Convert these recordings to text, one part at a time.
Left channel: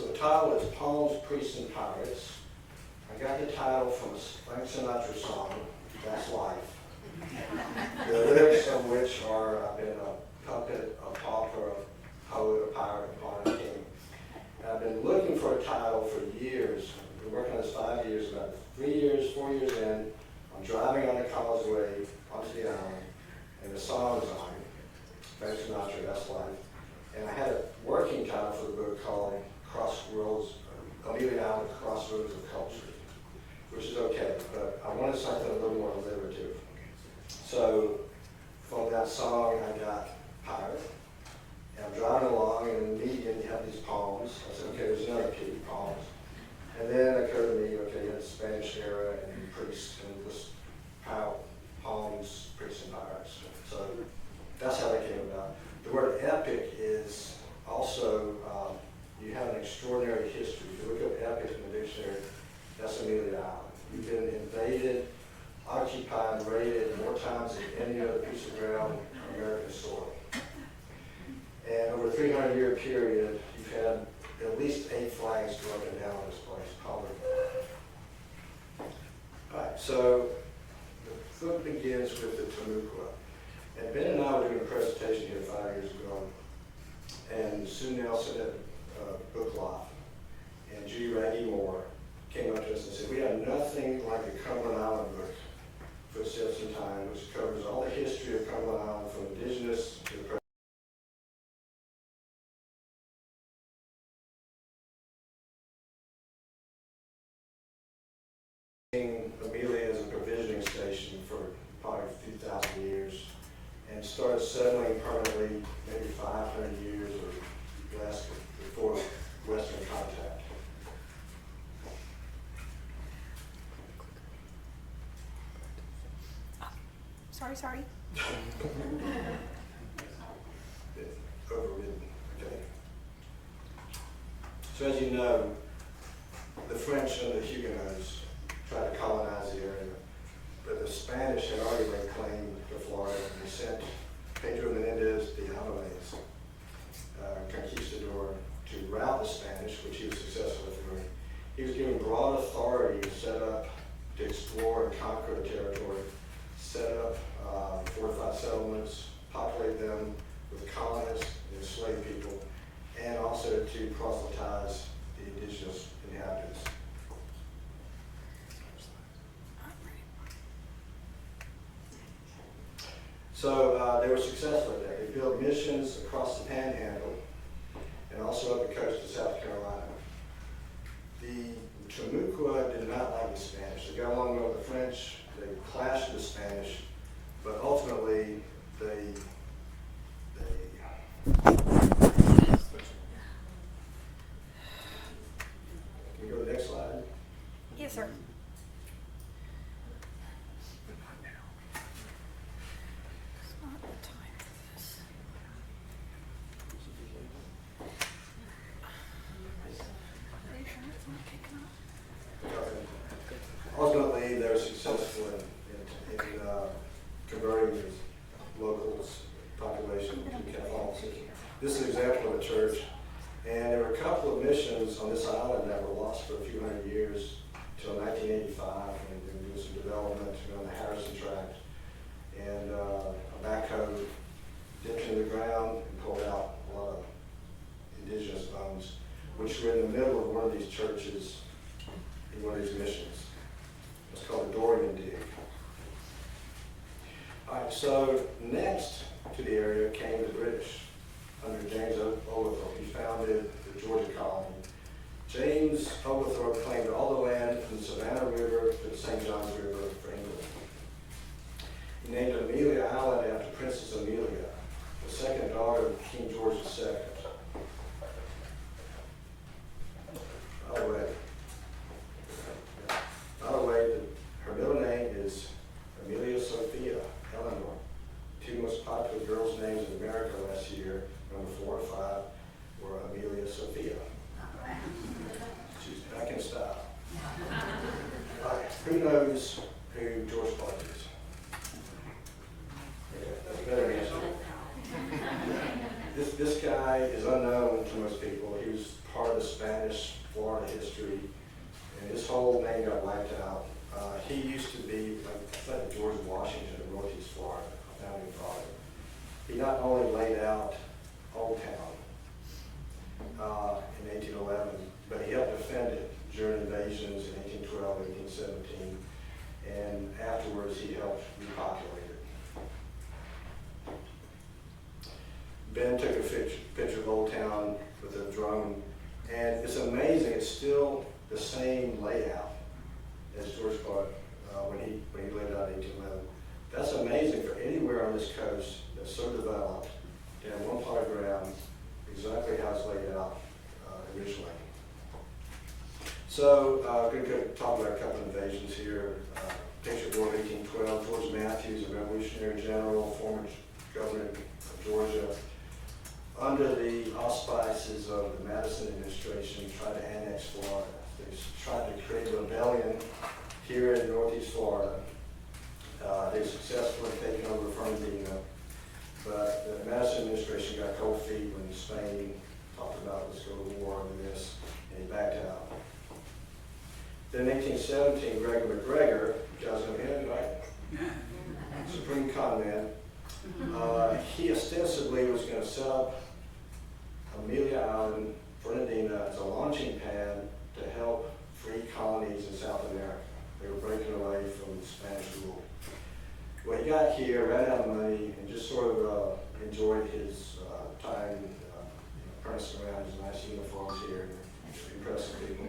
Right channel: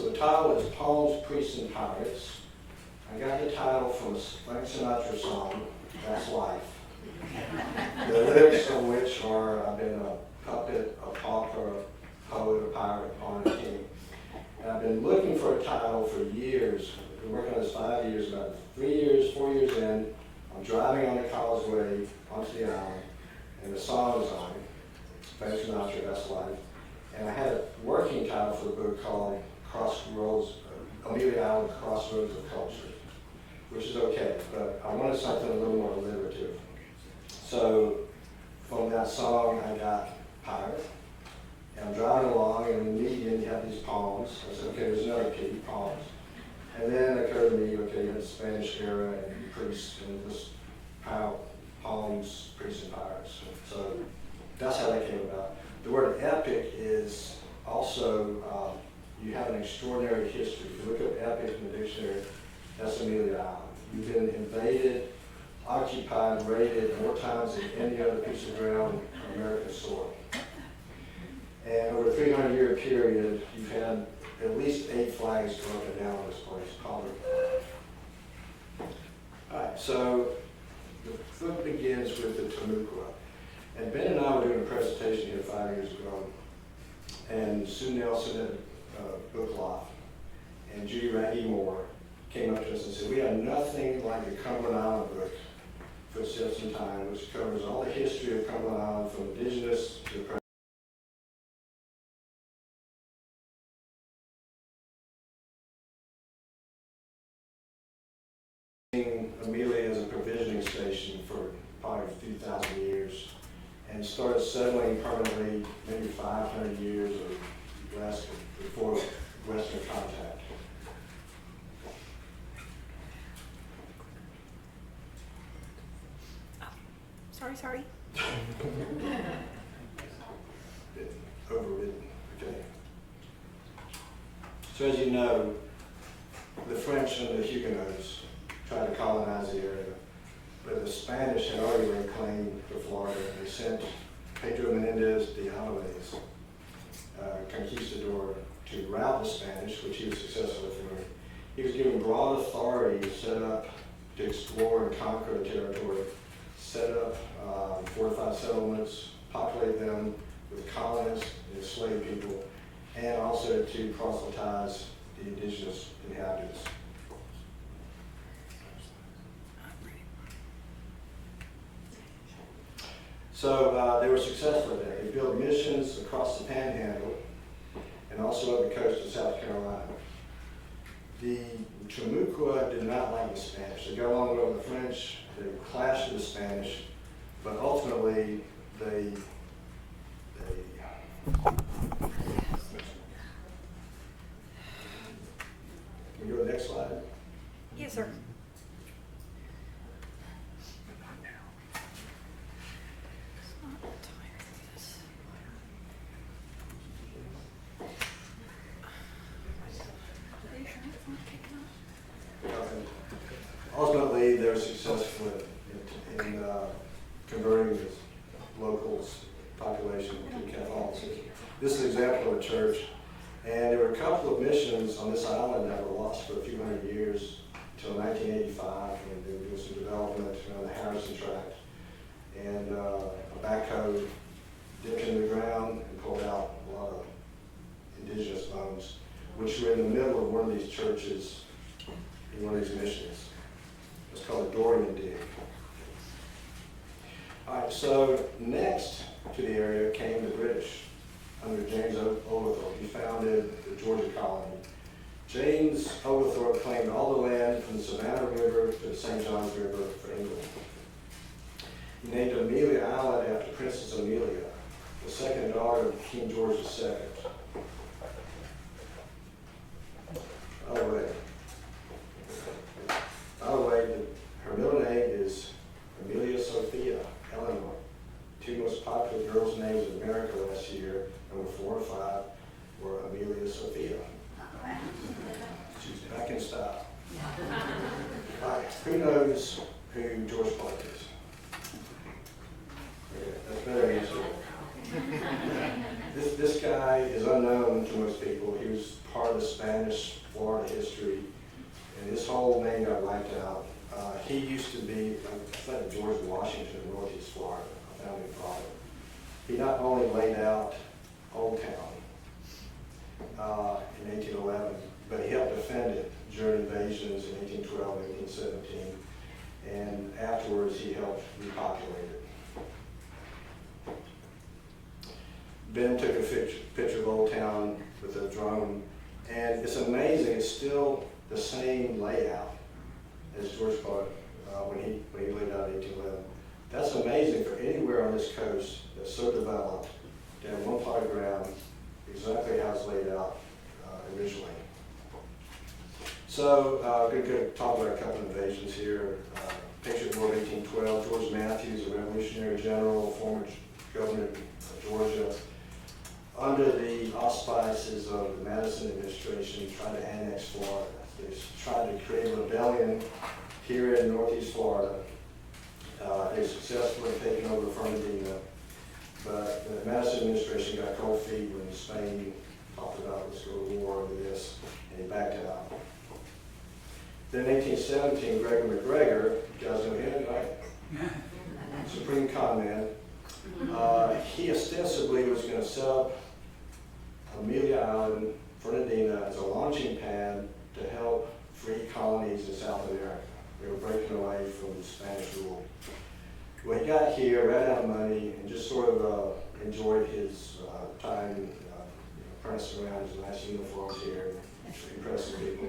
So the title is Poems, Priests, and Pirates. I got the title from a Frank Sinatra song, That's Life. The lyrics of which are, I've been a puppet, a pauper, a poet, a pirate, a pawn, and a king. And I've been looking for a title for years. I've been working on this 5 years, about 4 years in. I'm driving on the causeway onto the island, and the song is on. Frank Sinatra, That's Life. And I had a working title for the book called Crossroads, Amelia Island, Crossroads of Culture, which is okay, but I wanted something a little more alliterative. So from that song, I got pirate, and I'm driving along, and in the median, you have these poems. I said, okay, there's another key, poems. And then it occurred to me, okay, you had the Spanish era and priests, and this poems, priests, and pirates. So that's how that came about. The word epic is also, you have an extraordinary history. If you look up epic in the dictionary, that's Amelia Island. You've been invaded, occupied, raided more times than any other piece of ground on American soil. And over a 300-year period, you've had at least 8 flags go up and down on this place, colored. All right, so the book begins with the Timucua. And Ben and I were doing a presentation here 5 years ago, and Sue Nelson at Book Loft and Judy Raggy Moore came up to us and said, we have nothing like the Cumberland Island book, Footsteps in Time, which covers all the history of Cumberland Island from Indigenous to the present. Amelia as a provisioning station for probably a few thousand years, and started settling permanently maybe 500 years or less before Western contact. Sorry. Overridden, okay. So as you know, the French and the Huguenots tried to colonize the area, but the Spanish had already laid claim to Florida. They sent Pedro Menendez de Alvarez, conquistador, to rout the Spanish, which he was successful with. He was given broad authority to set up, to explore and conquer the territory, set up fortified settlements, populate them with colonists and enslaved people, and also to proselytize the indigenous inhabitants. So they were successful there. They built missions across the Panhandle and also up the coast of South Carolina. The Timucua did not like the Spanish. They got along well with the French. They clashed with the Spanish, but ultimately they can we go to the next slide? Yes, sir. Ultimately, they were successful in converting the locals' population to Catholicism. This is an example of a church, and there were a couple of missions on this island that were lost for a few hundred years until 1985, and there was some development on the Harrison Tract, and a backhoe dipped into the ground and pulled out a lot of indigenous bones, which were in the middle of one of these churches in one of these missions. It's called a Dorian dig. All right, so next to the area came the British under James Oglethorpe. He founded the Georgia colony. James Oglethorpe claimed all the land from the Savannah River to the St. Johns River for England. He named Amelia Island after Princess Amelia, the second daughter of King George II. By the way, her middle name is Amelia Sophia Eleanor. 2 most popular girls' names in America last year, number 4 and 5, were Amelia Sophia. She's back in style. All right, who knows who George Clark is? Okay, that's a better answer. This guy backed out. He used to be, I think, George Washington in Northeast Florida, a founding father. He not only laid out Old Town in 1811, but he helped defend it during invasions in 1812, 1817, and afterwards he helped repopulate it. Ben took a picture of Old Town with a drone, and it's amazing, it's still the same layout as George Clark when he laid out 1811. That's amazing for anywhere on this coast that's so developed to have one plot of ground exactly how it's laid out originally. So, going to talk about a couple of invasions here. Picture of War of 1812, George Matthews, a Revolutionary General, former governor of Georgia, under the auspices of the Madison administration, tried to annex Florida. They tried to create a rebellion here in Northeast Florida. They successfully taken over Fernandina, but the Madison administration got cold feet when Spain talked about let's go to war over this, and he backed out. Then in 1817, Gregor McGregor, you guys know him, right? Supreme con man. He ostensibly was going to set up Amelia Island, Fernandina, as a launching pad to help free colonies in South America. They were breaking away from Spanish rule. When he got here, ran out of money, and just sort of enjoyed his time prancing around his nice uniforms here, impressing people.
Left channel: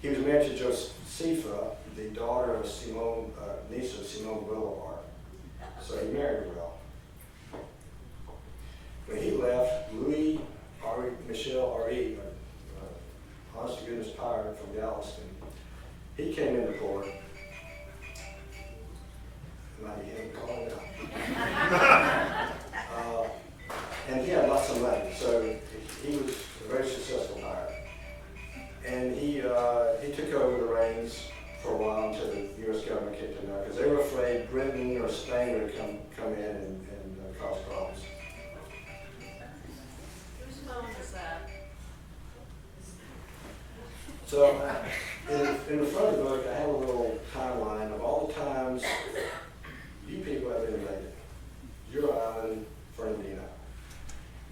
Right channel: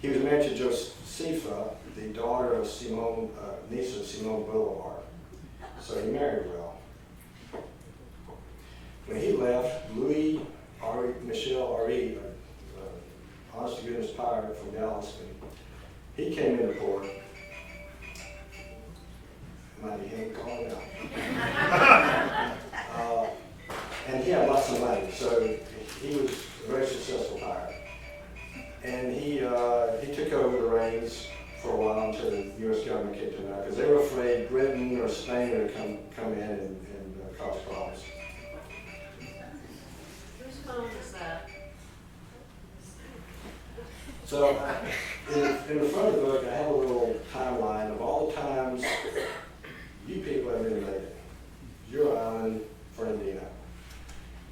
He was married to Josepha, the daughter of Simone, niece of Simone Bolivar. So he married well. When he left, Michel Ari, honest to goodness pirate from Galveston, he came into port. Might be him calling out. And he had lots of money, so he was a very successful pirate. And he took over the reins for a while until the U.S. government kicked him out because they were afraid Britain or Spain would come in and cause problems. Whose phone is that? So in the front of the book, I have a little timeline of all the times you people have been invaded. Your island, Fernandina.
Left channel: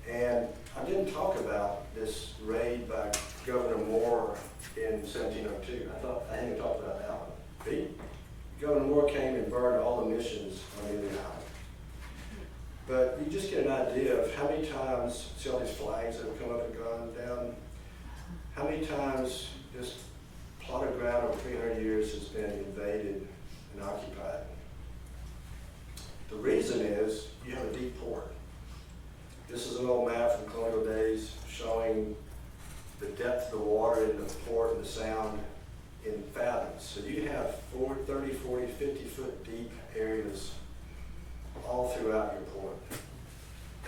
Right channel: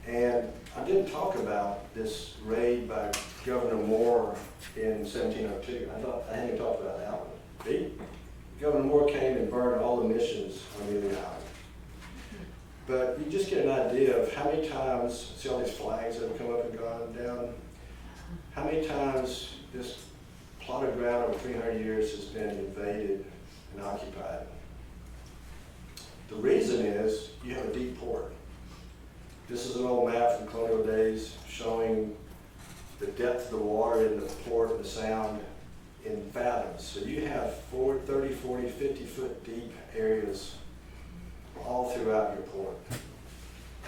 And I didn't talk about this raid by Governor Moore in 1702. I hadn't talked about that one. Governor Moore came and burned all the missions on Amelia Island. But you just get an idea of how many times, see all these flags that have come up and gone down, how many times this plot of ground over 300 years has been invaded and occupied. The reason is you have a deep port. This is an old map from colonial days showing the depth of the water in the port and the sound in fathoms. So you have 30, 40, 50 foot deep areas all throughout your port.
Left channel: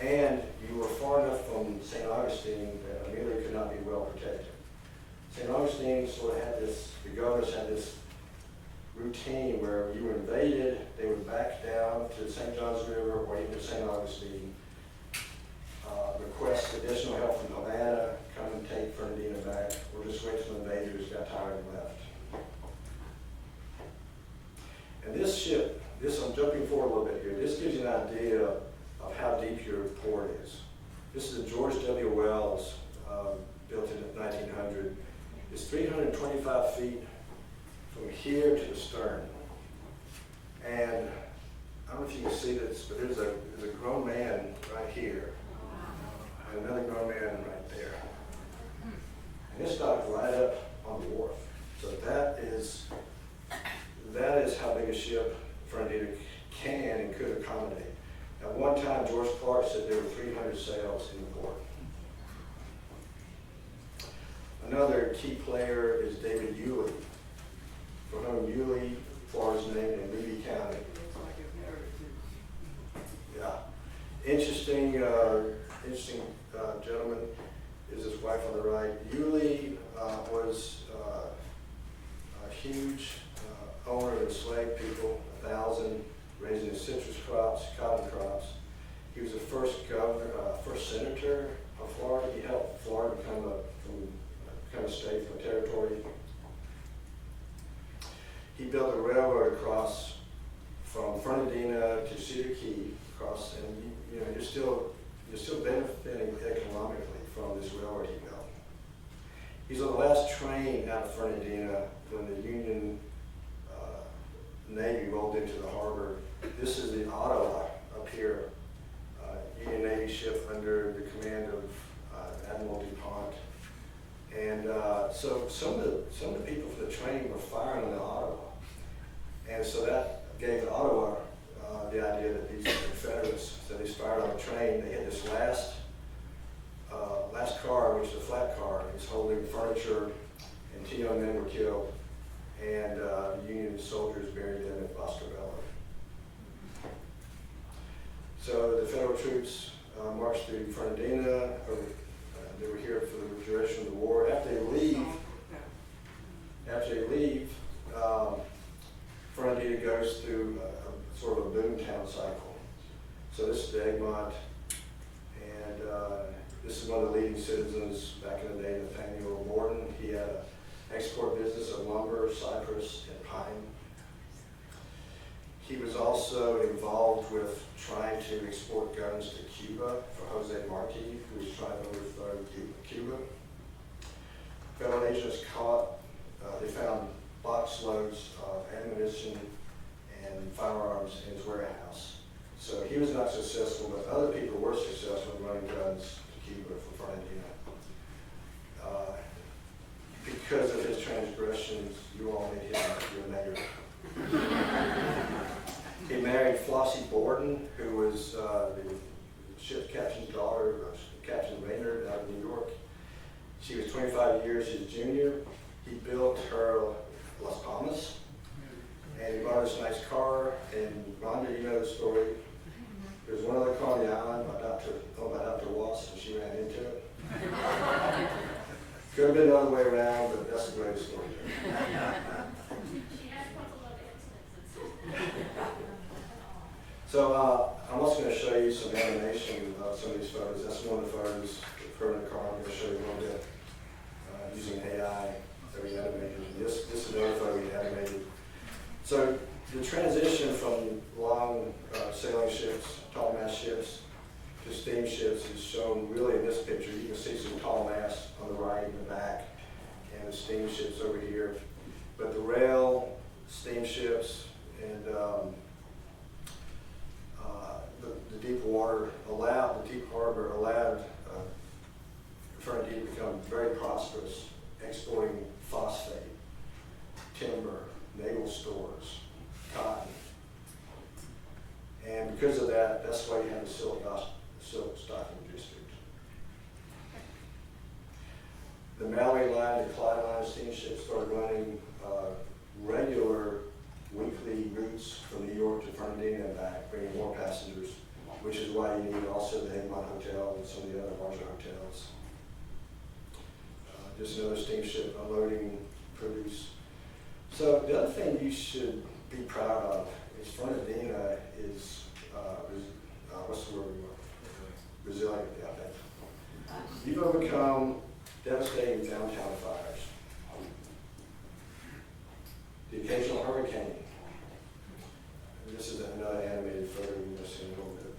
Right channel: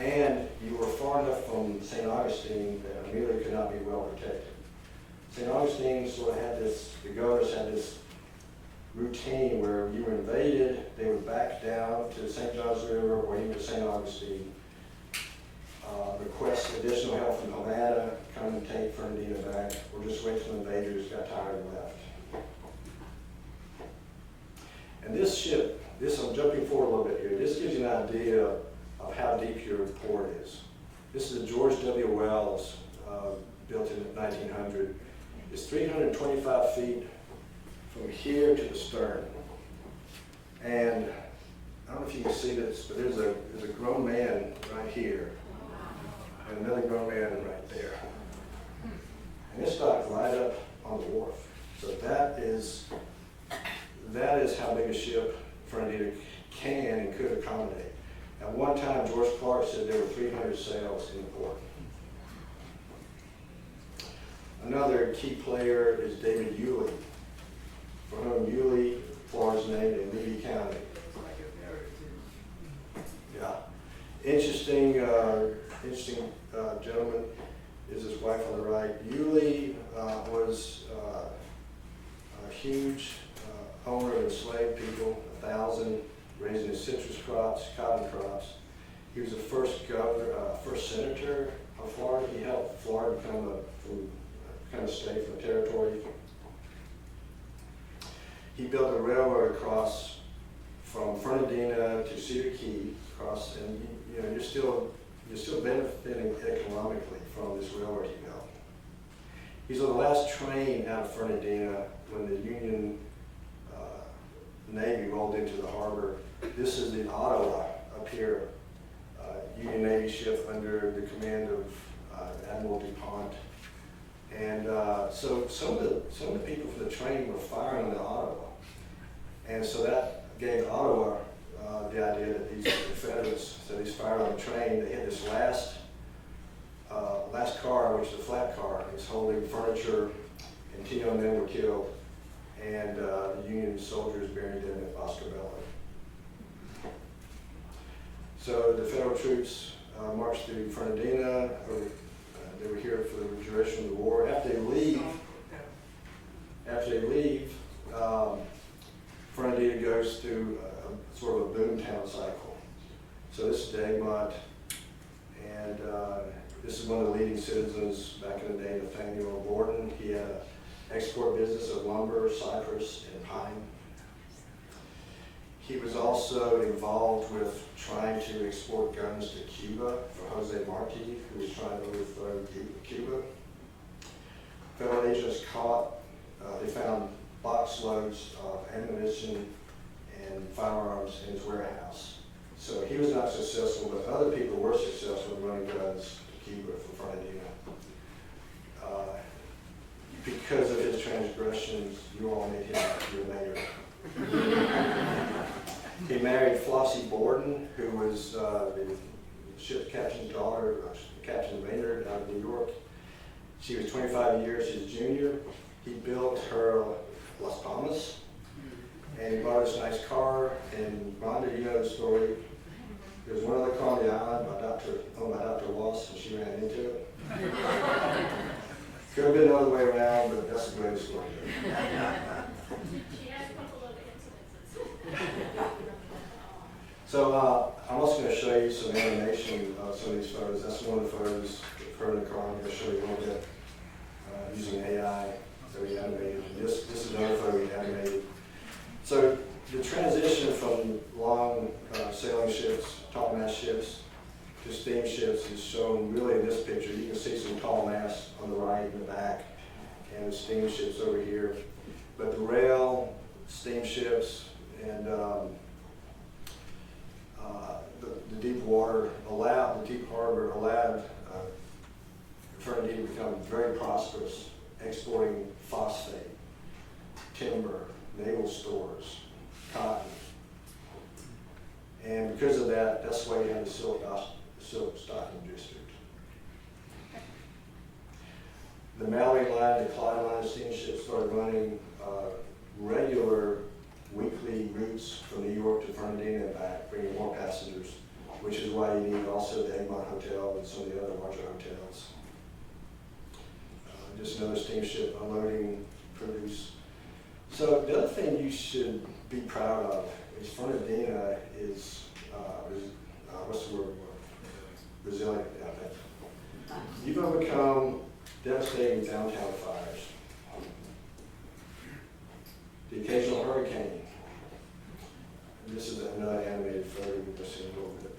And you were far enough from St. Augustine that Amelia could not be well protected. St. Augustine sort of had this, the governors had this routine where you were invaded, they would back down to the St. Johns River or even to St. Augustine, request additional help from Havana, come and take Fernandina back, or just wait till invaders got tired and left. And this ship, I'm jumping forward a little bit here, this gives you an idea of how deep your port is. This is a George W. Wells, built in 1900. It's 325 feet from here to the stern. And I don't know if you can see this, but there's a grown man right here, and another grown man right there. And it's docked right up on the wharf. So that is how big a ship Fernandina can and could accommodate. At one time, George Clark said there were 300 sails in the port. Another key player is David Yulee, for whom Yulee, Florida's named in Levy County. Yeah, interesting gentleman is his wife on the right. Yulee was a huge owner of enslaved people, 1,000, raising citrus crops, cotton crops. He was the first governor, first senator of Florida. He helped Florida become a state, from a territory. railroad across from Fernandina to Cedar Key, across, and you're still benefiting economically from this railroad he built. He's on the last train out of Fernandina when the Union Navy rolled into the harbor. This is the Ottawa up here, Union Navy ship under the command of Admiral DuPont. And so some of the people from the train were firing on the Ottawa. And so that gave Ottawa the idea that these Confederates, so these fired on the train. They had this last car, which is a flat car. It's holding furniture, and 10 young men were killed, and the Union soldiers buried them at Boscobello. So the Federal troops marched through Fernandina. They were here for the duration of the war. After they leave, Fernandina goes through a sort of a boomtown cycle. So this is Egmont, and this is one of the leading citizens back in the day, Nathaniel Gordon. He had an export business of lumber, cypress, and pine. He was also involved with trying to export guns to Cuba for Jose Marti, who was trying to overthrow Cuba. Federal agents they found box loads of ammunition and firearms in his warehouse. So he was not successful, but other people were successful in running guns to Cuba from Fernandina. Because of his transgressions, you all made him your mayor. He married Flossie Borden, who was the ship captain's daughter, Captain Maynard out of New York. She was 25 years his junior. He built her Las Palmas, and he bought this nice car. And Rhonda, you know the story. There was one other car on the island, owned by Dr. Wass, and she ran into it. Could have been the other way around, but that's the greatest story. She has a couple of instances. So I'm also going to show you some animation of some of these photos. That's one of the photos of her in the car. I'm going to show you a little bit using AI that we animated. This is another photo we animated. So the transition from long sailing ships, tall mast ships, to steamships is shown really in this picture. You can see some tall masts on the right and the back, and the steamships over here. But the rail, steamships, and the deep water the deep harbor allowed Fernandina to become very prosperous, exporting phosphate, timber, naval stores, cotton. And because of that, that's why you have the silk stocking district. The Mallory line, the Clyde line steamships started running regular weekly routes from New York to Fernandina and back, bringing more passengers, which is why you need also the Egmont Hotel and some of the other larger hotels. Just another steamship unloading produce. So the other thing you should be proud of is Fernandina is, what's the word? Resilient. Yeah, you've overcome devastating downtown fires, the occasional hurricane. This is another animated photo you've seen a little bit.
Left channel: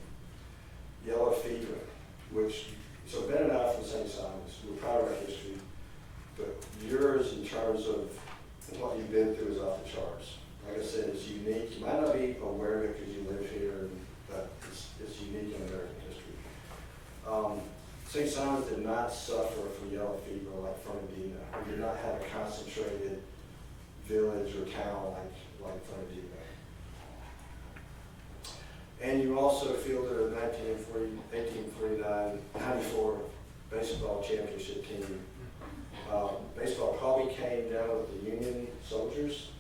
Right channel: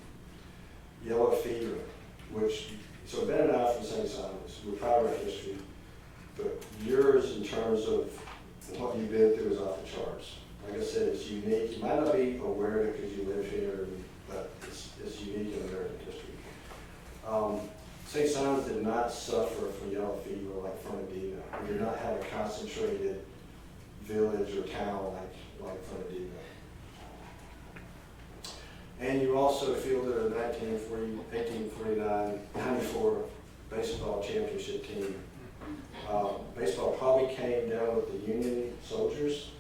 Yellow fever, so Ben and I from St. Simon's, we're proud of our history, but yours in terms of what you've been through is off the charts. Like I said, it's unique. You might not be aware of it because you live here, but it's unique in American history. St. Simon's did not suffer from yellow fever like Fernandina. We did not have a concentrated village or town like Fernandina. And you also fielded a 1849-94 baseball championship team. Baseball probably came down with the Union soldiers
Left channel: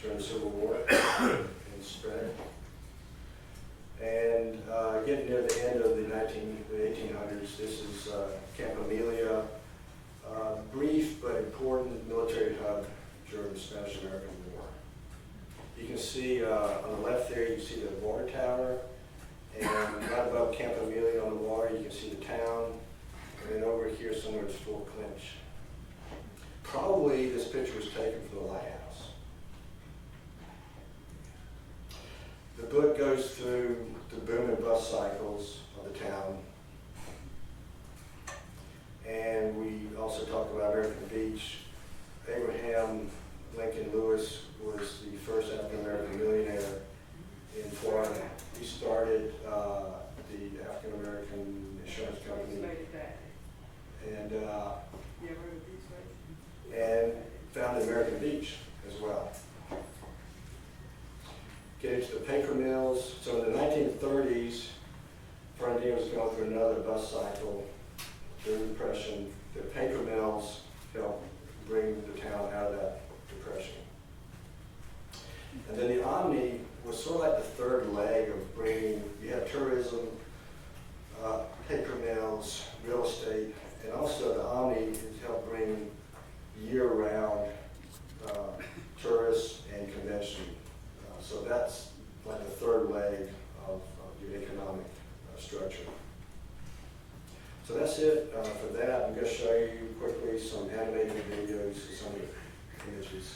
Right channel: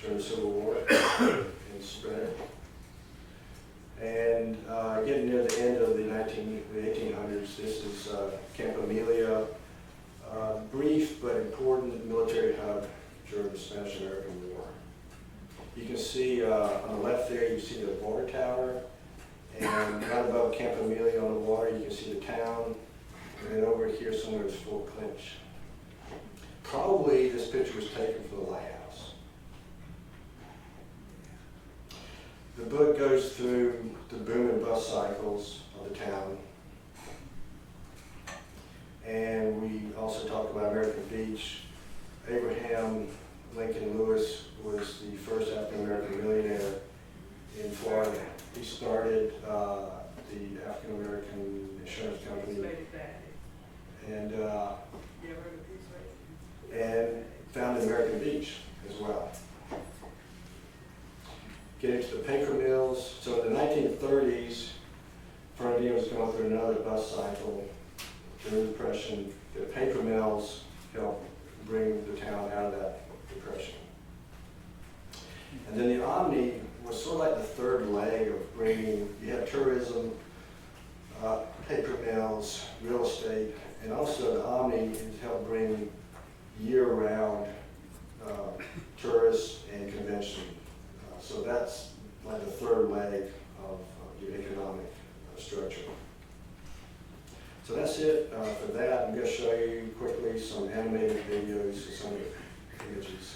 during the Civil War and spread. And getting near the end of the 1800s, this is Camp Amelia, brief but important military hub during the Spanish-American War. You can see on the left there, you see the water tower, and right above Camp Amelia on the water, you can see the town, and then over here somewhere is Fort Clinch. Probably this picture was taken from the lighthouse. cycles of the town. And we also talked about American Beach. Abraham Lincoln Lewis was the first African-American millionaire in Florida. He started the African-American insurance company and founded American Beach as well. Getting to the paper mills, so in the 1930s, Fernandina was going through another bus cycle. During the Depression, the paper mills helped bring the town out of that depression. And then the Omni was sort of like the third leg of bringing, you had tourism, paper mills, real estate, and also the Omni has helped bring year-round tourists and convention. So that's like the third leg of your economic structure. So that's it for that. I'm going to show you quickly some animated videos of some of the images.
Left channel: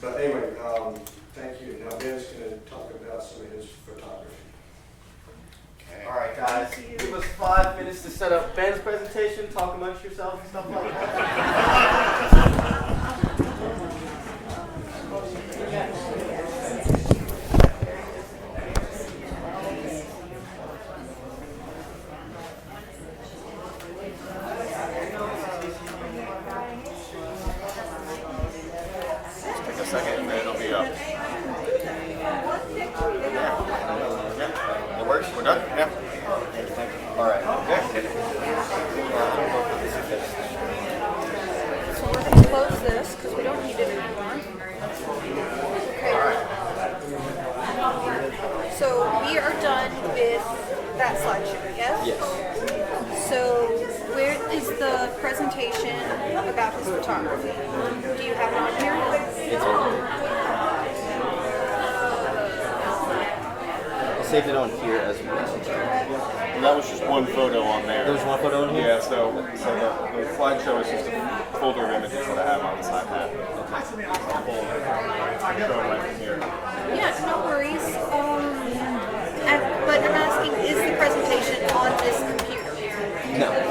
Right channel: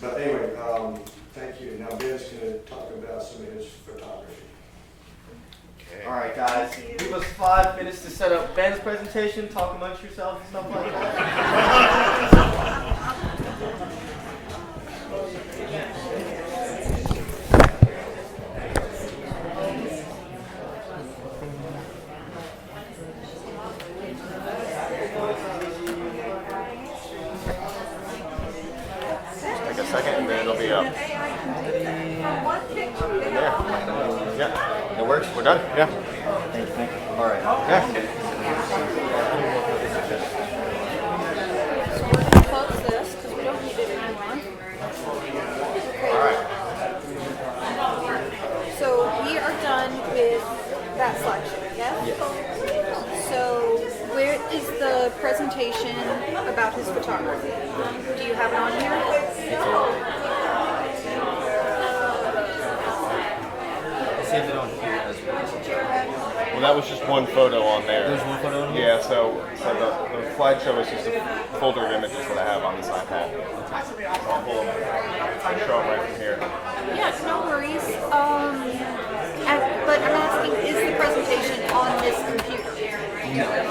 But anyway, thank you. Now Ben's going to talk about some of his photography. All right, guys, give us 5 minutes to set up Ben's presentation, talk amongst yourselves and stuff like that. Take a second and then it'll be up. Yeah, it works. We're done. Yeah. All right. Yeah. So we're gonna close this because we don't need it anymore. Okay. So we are done with that slideshow, yes? Yes. So where is the presentation about his photography? Do you have it on here? Saved it on here as well. Well, that was just one photo on there. There's one photo on here? Yeah, so the slideshow is just a folder of images that I have on this iPad. I'll show it right from here. Yeah, no worries. But I'm asking, is the presentation on this computer?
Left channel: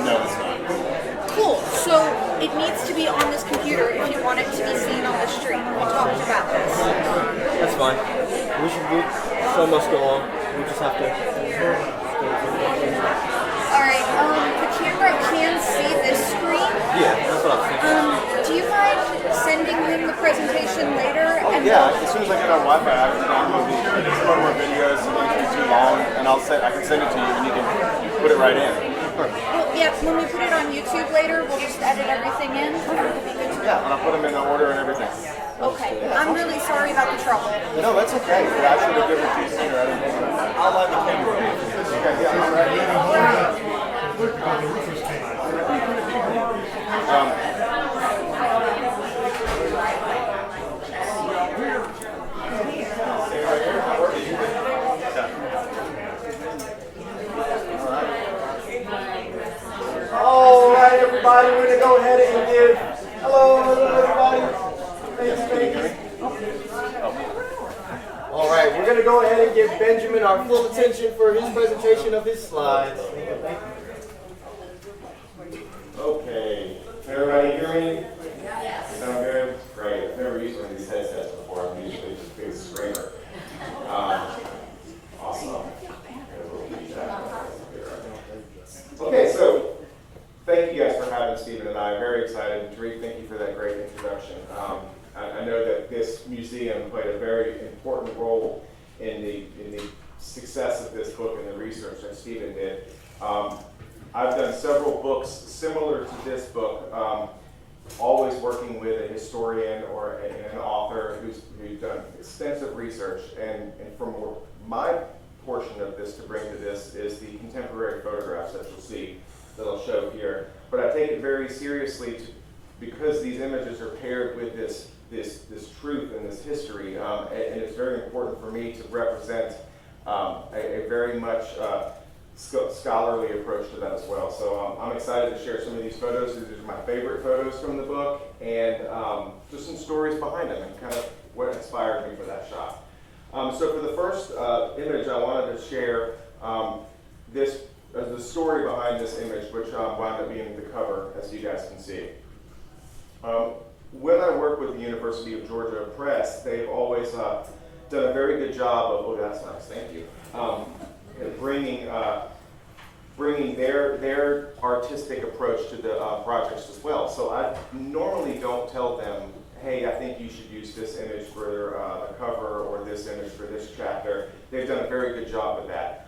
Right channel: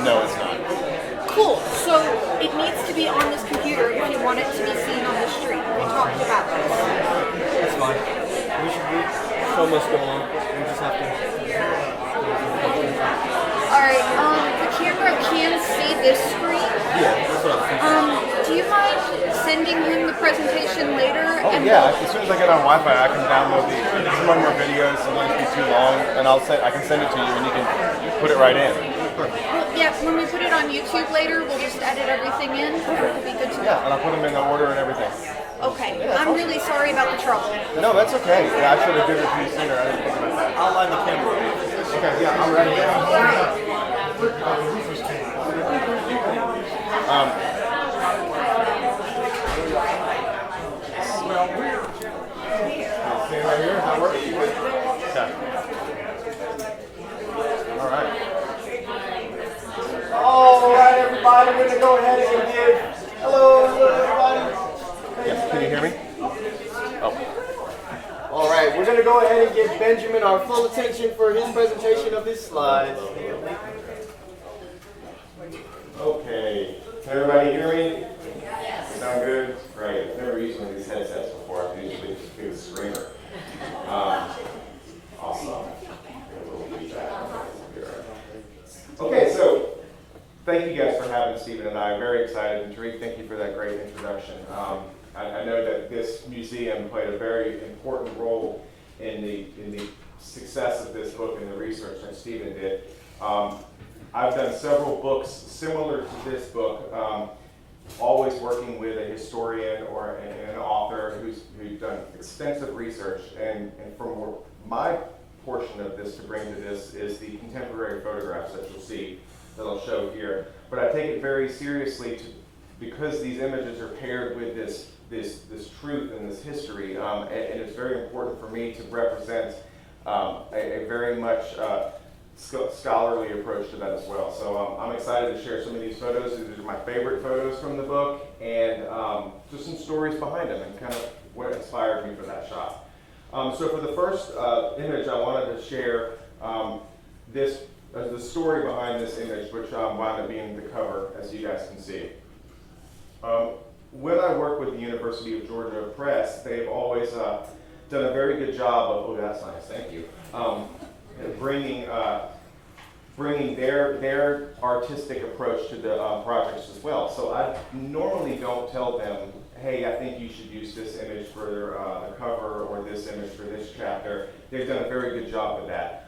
No, it's not. Cool. So it needs to be on this computer if you want it to be seen on the street. We talked about this. That's fine. We should show must go on. We just have to. Alright, the camera can see this screen. Yeah, that's what I was thinking. Do you mind sending him the presentation later? Oh yeah, as soon as I get on Wi-Fi, I can download some of our videos. Some of these be too long, and I can send it to you, and you can put it right in. Well, yeah, when we put it on YouTube later, we'll just edit everything in. It'll be good to go. Yeah, and I'll put them in order and everything. Okay, I'm really sorry about the trouble. No, that's okay. Yeah, I should have given it to you sooner. I didn't think about that. I'll line the camera. Okay, yeah. Stay right here. That works. All right. All right, everybody, we're gonna go ahead and give hello, everybody. Yes, can you hear me? Oh. All right, we're gonna go ahead and give Benjamin our full attention for his presentation of his slides. Okay. Can everybody hear me? Sound good? Great. I've never used one of these headsets before. I've usually just been a screamer. Awesome. Okay, so thank you guys for having Stephen and I. Very excited. And Tariq, thank you for that great introduction. I know that this museum played a very important role in the success of this book and the research that Stephen did. I've done several books similar to this book, always working with a historian or an author who's done extensive research. And from my portion of this to bring to this is the contemporary photographs that you'll see that I'll show here. But I take it very seriously because these images are paired with this truth and this history, and it's very important for me to represent a very much scholarly approach to that as well. So I'm excited to share some of these photos. These are my favorite photos from the book, and just some stories behind them and kind of what inspired me for that shot. So for the first image, I wanted to share the story behind this image, which wound up being the cover, as you guys can see. When I work with the University of Georgia Press, they've always done a very good job of, oh, that's nice, thank you, bringing their artistic approach to the projects as well. So I normally don't tell them, hey, I think you should use this image for the cover or this image for this chapter. They've done a very good job with that.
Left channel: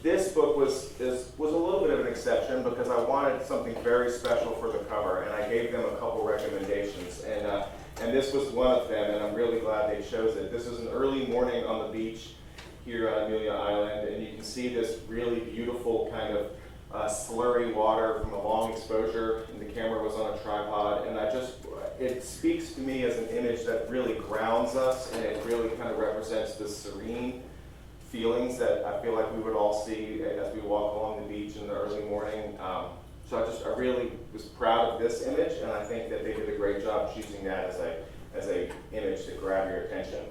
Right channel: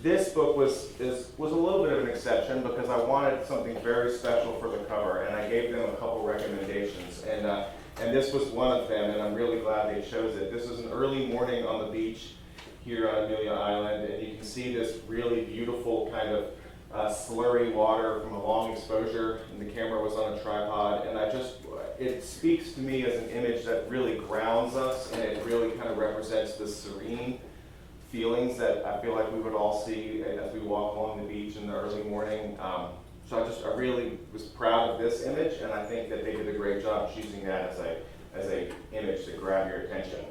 This book was a little bit of an exception because I wanted something very special for the cover, and I gave them a couple recommendations, and this was one of them, and I'm really glad they chose it. This is an early morning on the beach here on Amelia Island, and you can see this really beautiful kind of slurry water from a long exposure, and the camera was on a tripod, and it speaks to me as an image that really grounds us, and it really kind of represents the serene feelings that I feel like we would all see as we walk along the beach in the early morning. So I really was proud of this image, and I think that they did a great job choosing that as a image to grab your attention.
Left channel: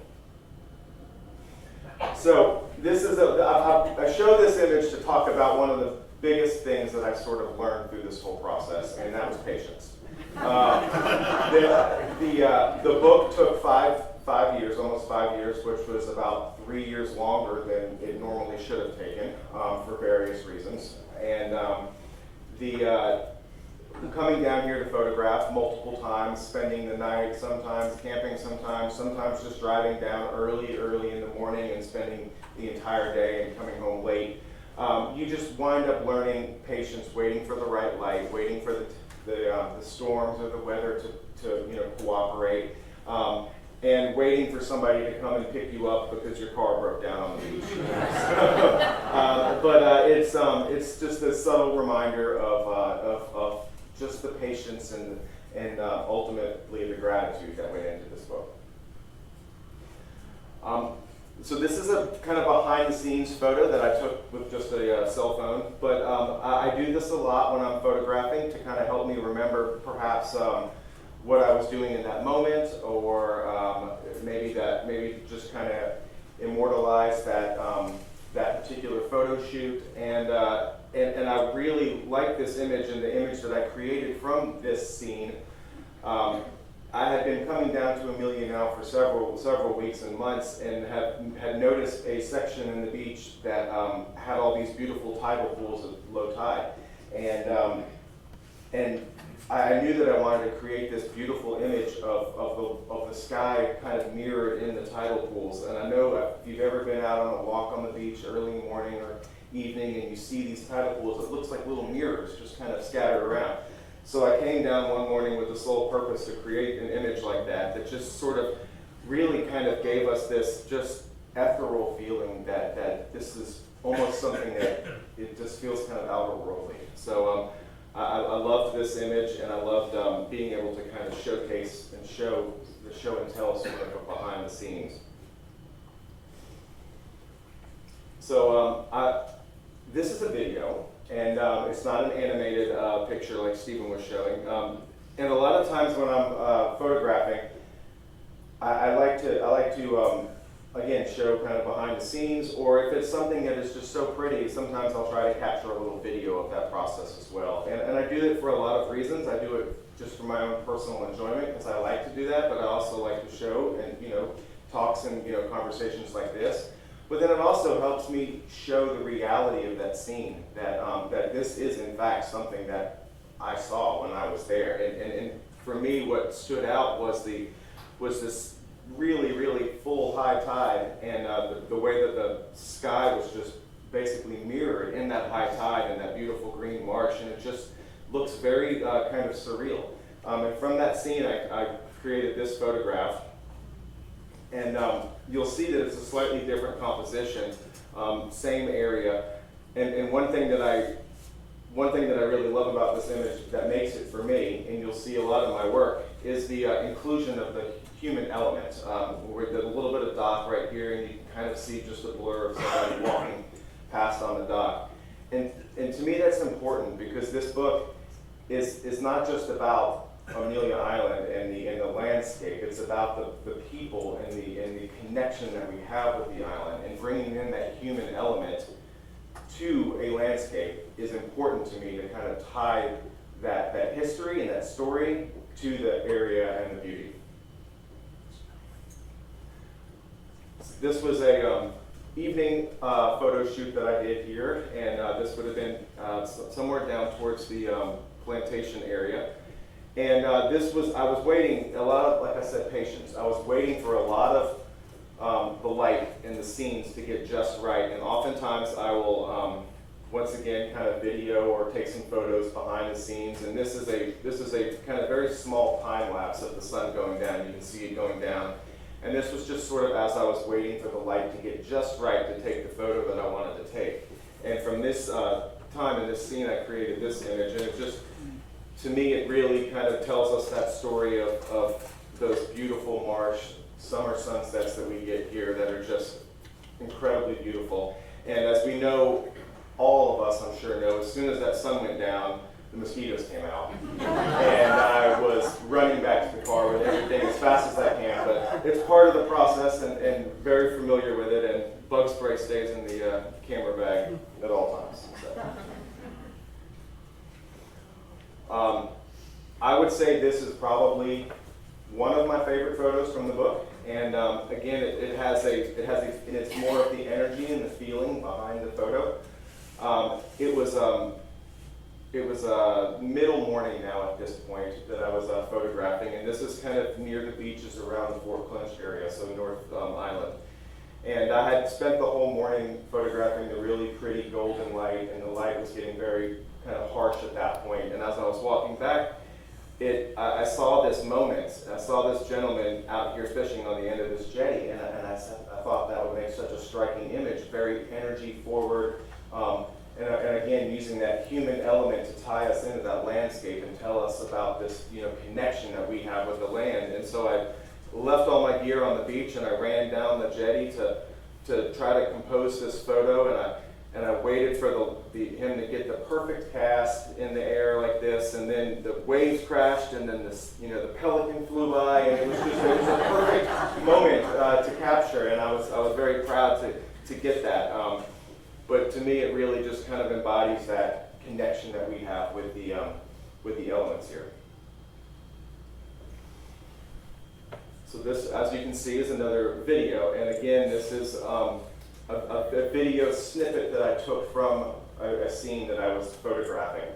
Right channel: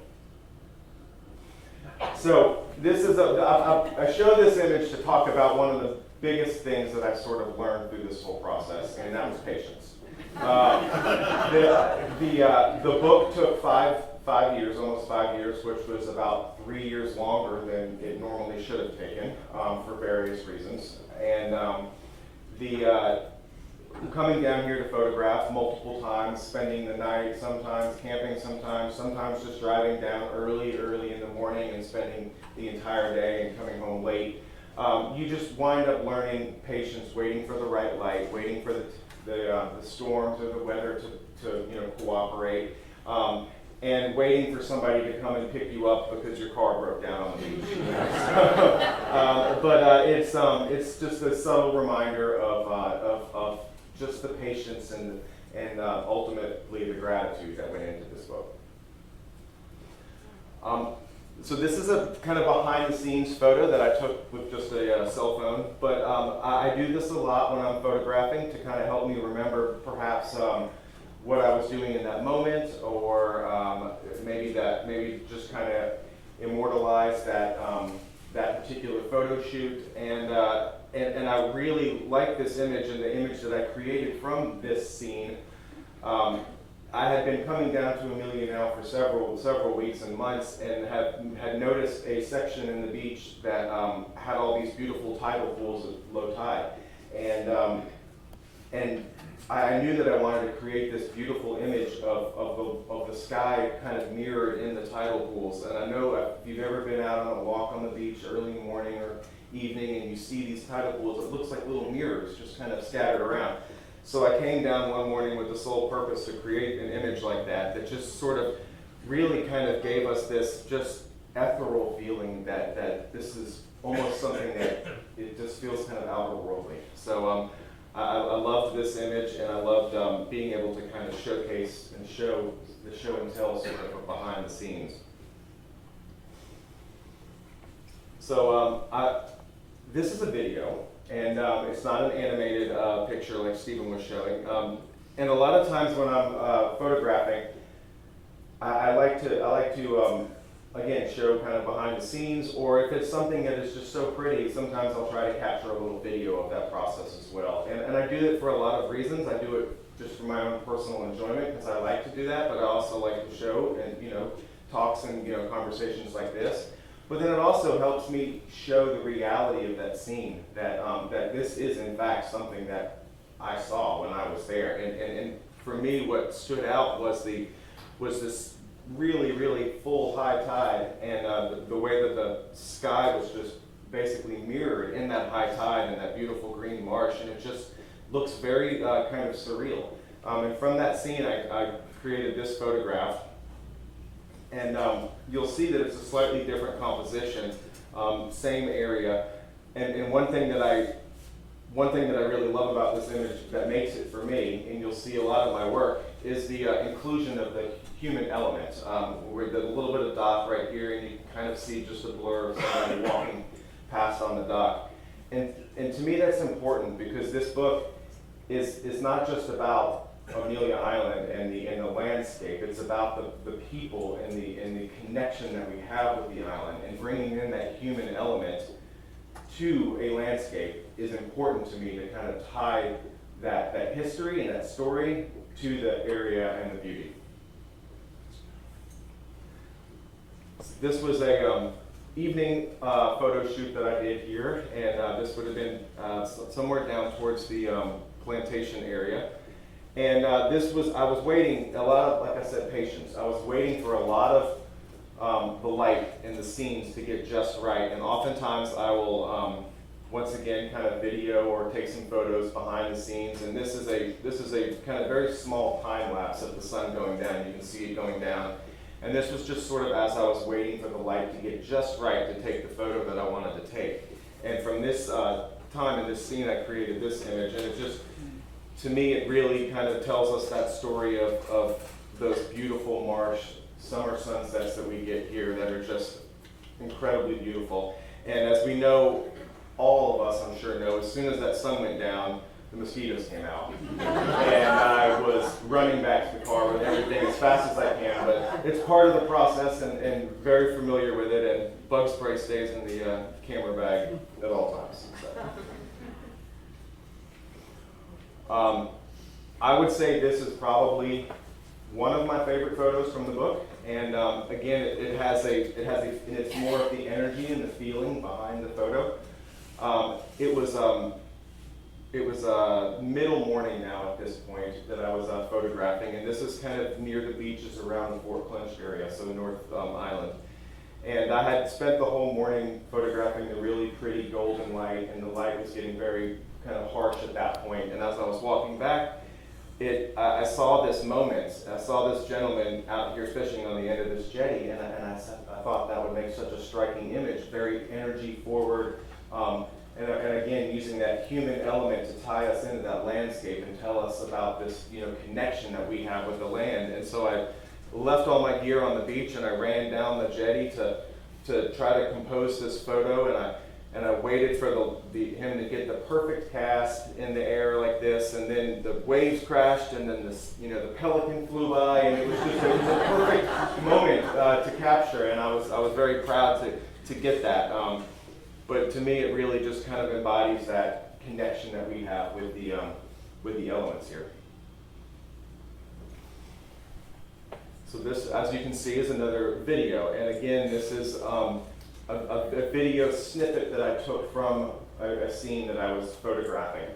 So this is I show this image to talk about one of the biggest things that I sort of learned through this whole process, and that was patience. The book took five years, almost 5 years, which was about 3 years longer than it normally should have taken for various reasons. And coming down here to photograph multiple times, spending the night, sometimes camping, sometimes just driving down early in the morning and spending the entire day and coming home late. You just wind up learning patience, waiting for the right light, waiting for the storms or the weather to cooperate, and waiting for somebody to come and pick you up because your car broke down on the beach. But it's just a subtle reminder of just the patience and ultimately the gratitude that went into this book. So this is a kind of behind the scenes photo that I took with just a cell phone, but I do this a lot when I'm photographing to kind of help me remember perhaps what I was doing in that moment, or maybe just kind of immortalize that particular photo shoot. And I really like this image and the image that I created from this scene. I had been coming down to Amelia now for several weeks and months, and had noticed a section in the beach that had all these beautiful tidal pools at low tide, and I knew that I wanted to create this beautiful image of the sky kind of mirrored in the tidal pools. And I know if you've ever been out on a walk on the beach early in the morning or evening and you see these tidal pools, it looks like little mirrors just kind of scattered around. So I came down one morning with the sole purpose to create an image like that just sort of really kind of gave us this just ethereal feeling that this is almost something that it just feels kind of outer-worldly. So I loved this image, and I loved being able to kind of showcase and show and tell sort of behind the scenes. So this is a video. And it's not an animated picture like Stephen was showing. And a lot of times when I'm photographing, I like to again show kind of behind the scenes, or if it's something that is just so pretty, sometimes I'll try to capture a little video of that process as well. And I do it for a lot of reasons. I do it just for my own personal enjoyment because I like to do that, but I also like to show and talks and conversations like this. But then it also helps me show the reality of that scene, that this is in fact something that I saw when I was there. And for me, what stood out was this really, really full high tide, and the way that the sky was just basically mirrored in that high tide and that beautiful green marsh, and it just looks very kind of surreal. And from that scene, I created this photograph. And you'll see that it's a slightly different composition, same area. And one thing that I really love about this image that makes it for me, and you'll see a lot of my work, is the inclusion of the human element. With a little bit of dock right here, and you can kind of see just a blur of somebody walking past on the dock. And to me, that's important because this book is not just about Amelia Island and the landscape. It's about the people and the connection that we have with the island, and bringing in that human element to a landscape is important to me to kind of tie that history and that story to the area and the beauty. This was a evening photo shoot that I did here, and this would have been somewhere down towards the plantation area. And I was waiting, a lot of, like I said, patience. I was waiting for a lot of the light and the scenes to get just right. And oftentimes I will, once again, kind of video or take some photos behind the scenes. And this is a kind of very small time lapse of the sun going down. You can see it going down. And this was just sort of as I was waiting for the light to get just right to take the photo that I wanted to take. And from this time in this scene, I created this image. And it just, to me, it really kind of tells us that story of those beautiful marsh summer sunsets that we get here that are just incredibly beautiful. And as we know, all of us, I'm sure, know, as soon as that sun went down, the mosquitoes came out. And I was running back to the car with everything as fast as I can, but it's part of the process and very familiar with it, and bug spray stays in the camera bag at all times. So. I would say this is probably one of my favorite photos from the book, and again, and it's more of the energy and the feeling behind the photo. It was middle morning now at this point that I was photographing, and this is kind of near the beaches around the Fort Clinch area, so North Island. And I had spent the whole morning photographing the really pretty golden light, and the light was getting very kind of harsh at that point. And as I was walking back, I saw this moment. I saw this gentleman out here fishing on the end of this jetty, and I thought that would make such a striking image, very energy forward, and again using that human element to tie us into that landscape and tell us about this, connection that we have with the land. And so I left all my gear on the beach and I ran down the jetty to try to compose this photo, and I waited for him to get the perfect cast in the air like this, and then the waves crashed, and then the pelican flew by, and it was a perfect moment to capture, and I was very proud to get that. But to me, it really just kind of embodies that connection that we have with the elements here. So this, as you can see, is another video, and again, this is a video snippet that I took from a scene that I was photographing.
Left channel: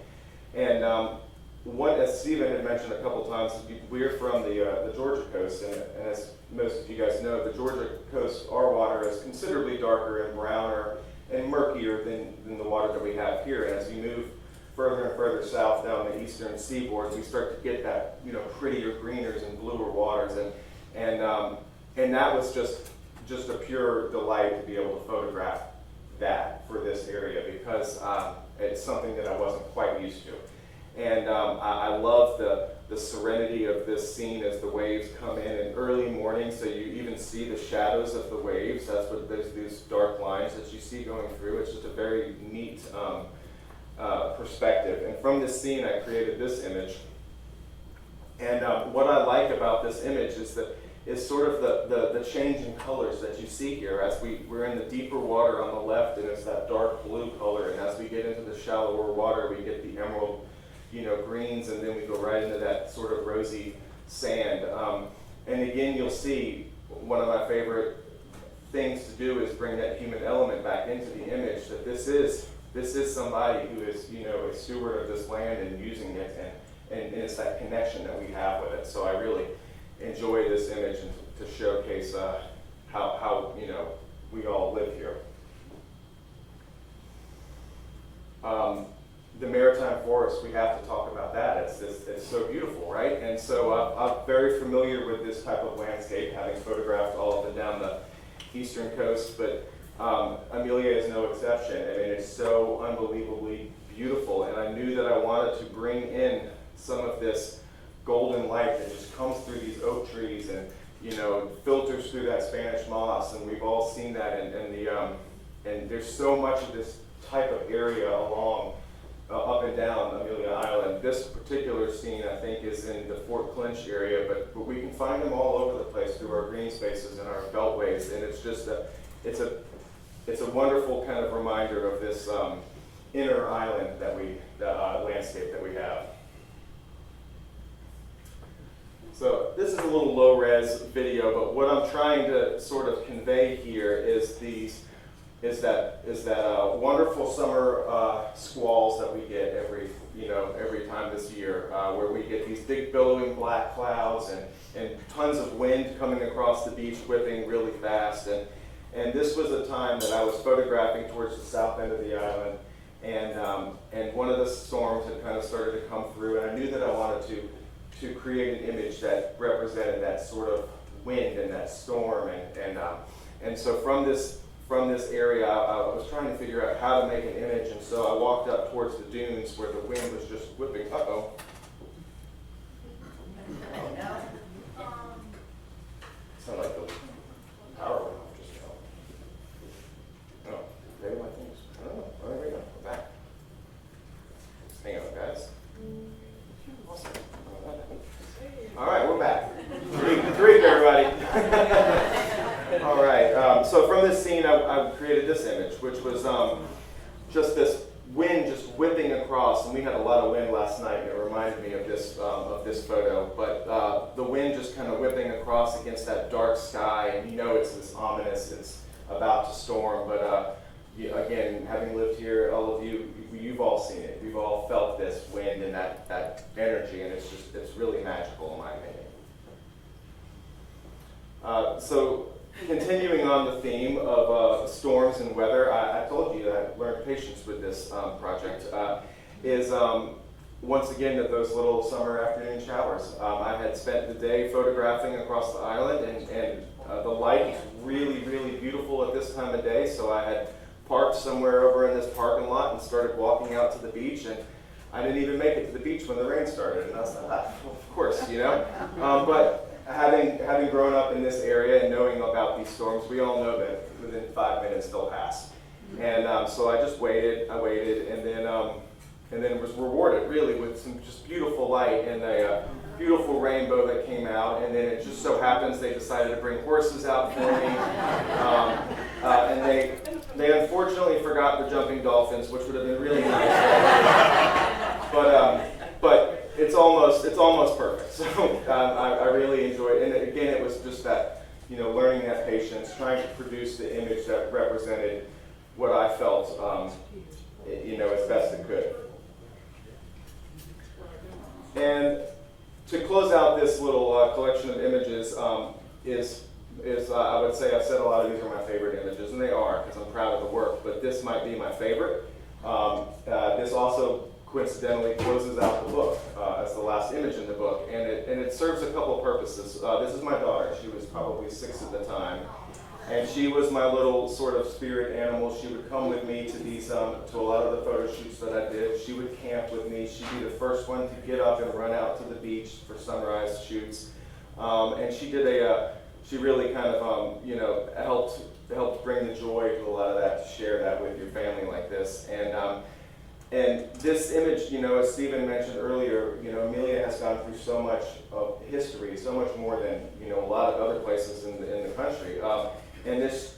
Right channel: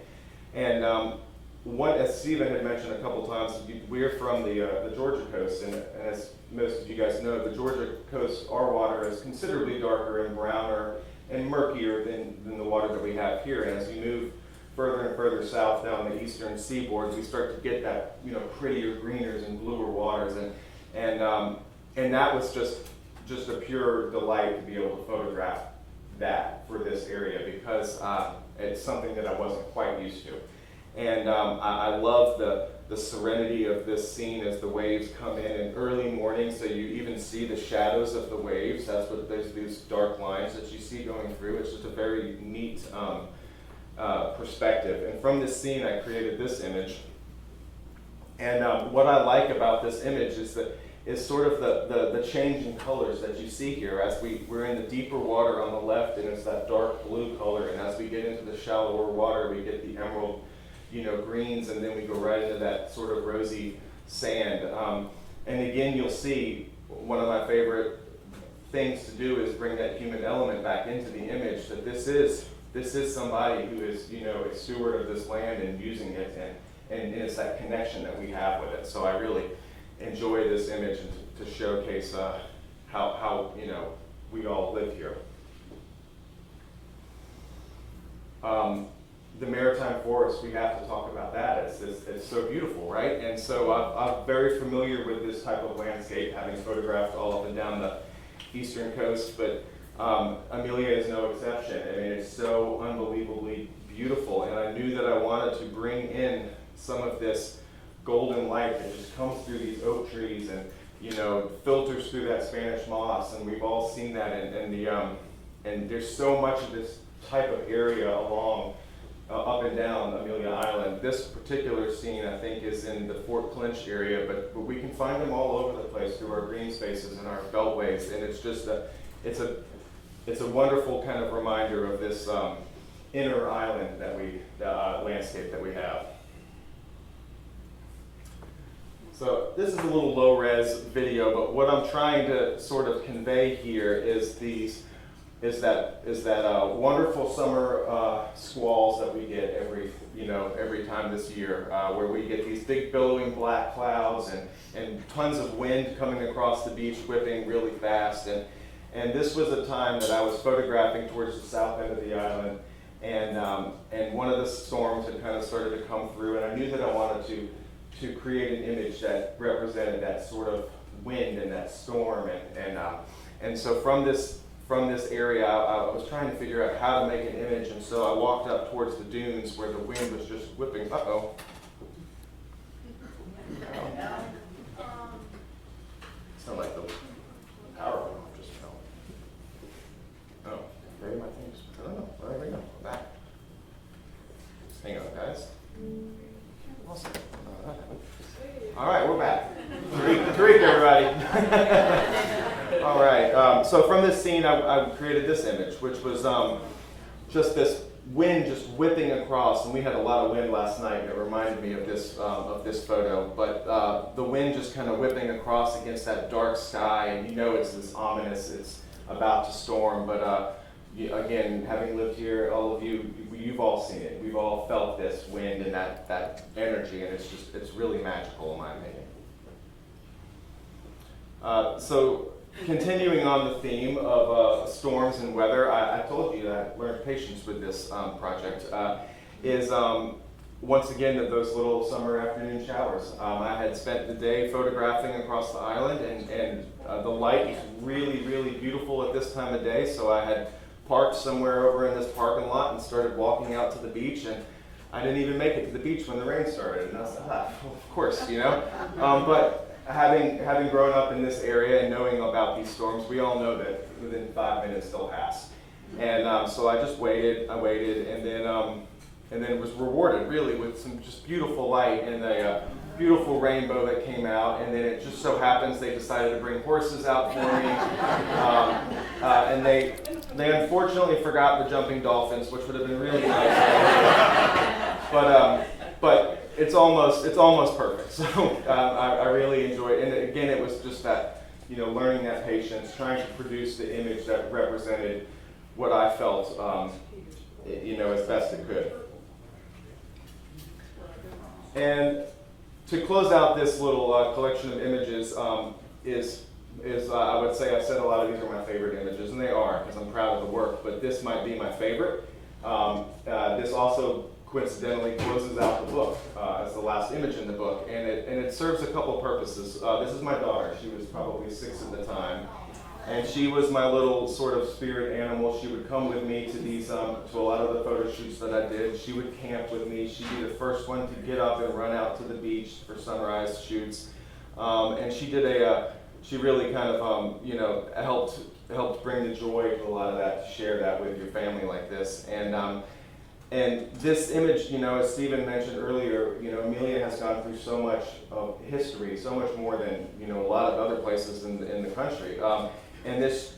And as Stephen had mentioned a couple times, we're from the Georgia coast, and as most of you guys know, the Georgia coast, our water is considerably darker and browner and murkier than the water that we have here. And as you move further and further south down the eastern seaboard, we start to get that prettier greeners and bluer waters, and that was just a pure delight to be able to photograph that for this area, because it's something that I wasn't quite used to. And I love the serenity of this scene as the waves come in early morning, so you even see the shadows of the waves. That's what there's these dark lines that you see going through. It's just a very neat perspective. And from this scene, I created this image. And what I like about this image is sort of the change in colors that you see here. As we're in the deeper water on the left, and it's that dark blue color, and as we get into the shallower water, we get the emerald greens, and then we go right into that sort of rosy sand. And again, you'll see one of my favorite things to do is bring that human element back into the image, that this is somebody who is a steward of this land and using it, and it's that connection that we have with it. So I really enjoy this image and to showcase how we all live here. The maritime forest, we have to talk about that. It's so beautiful, right? And so I'm very familiar with this type of landscape, having photographed all up and down the eastern coast, but Amelia is no exception. I mean, it's so unbelievably beautiful, and I knew that I wanted to bring in some of this golden light that just comes through these oak trees and filters through that Spanish moss, and we've all seen that and there's so much of this type of area along up and down Amelia Island. This particular scene, I think, is in the Fort Clinch area, but we can find them all over the place through our green spaces and our beltways, and it's just it's a wonderful kind of reminder of this inner island landscape that we have. So this is a little low-res video, but what I'm trying to sort of convey here is that wonderful summer squalls that we get every time this year, where we get these big billowing black clouds and tons of wind coming across the beach, whipping really fast. And this was a time that I was photographing towards the south end of the island, and one of the storms had kind of started to come through, and I knew that I wanted to create an image that represented that sort of wind and that storm, and so from this area, I was trying to figure out how to make an image, and so I walked up towards the dunes where the wind was just whipping. Uh-oh. Sound like the power went off just now. Oh, maybe my thing's, I don't know. All right, we go. We're back. Hang on, guys. right. All right. So from this scene, I created this image, which was just this wind just whipping across, and we had a lot of wind last night, and it reminded me of this photo. But the wind just kind of whipping across against that dark sky, and you know it's this ominous, it's about to storm. But again, having lived here, all of you, you've all seen it. We've all felt this wind and that energy, and it's really magical in my opinion. So continuing on the theme of storms and weather, I told you that I learned patience with this project, is once again those little summer afternoon showers. I had spent the day photographing across the island, and the light was really, really beautiful at this time of day, so I had parked somewhere over in this parking lot and started walking out to the beach, and I didn't even make it to the beach when the rain started, and I was like, of course, you know. But having grown up in this area and knowing about these storms, we all know that within 5 minutes they'll pass. And so I just waited, and then was rewarded really with some just beautiful light and a beautiful rainbow that came out. And then it just so happens they decided to bring horses out for me, and they unfortunately forgot the jumping dolphins, which would have been really nice. But it's almost perfect. So I really enjoyed it. And again, it was just that, you know, learning that patience, trying to produce the image that represented what I felt, you know, as best it could. And to close out this little collection of images is I would say I've said a lot of these are my favorite images, and they are because I'm proud of the work. But this might be my favorite. This also coincidentally closes out the book as the last image in the book, and it serves a couple purposes. This is my daughter. She was probably 6 at the time, and she was my little sort of spirit animal. She would come with me to these to a lot of the photo shoots that I did. She would camp with me. She'd be the first one to get up and run out to the beach for sunrise shoots, and she really kind of you know, helped bring the joy to a lot of that, to share that with your family like this. And this image, you know, as Stephen mentioned earlier, you know, Amelia has gone through so much of history, so much more than, you know, a lot of other places in the country. And this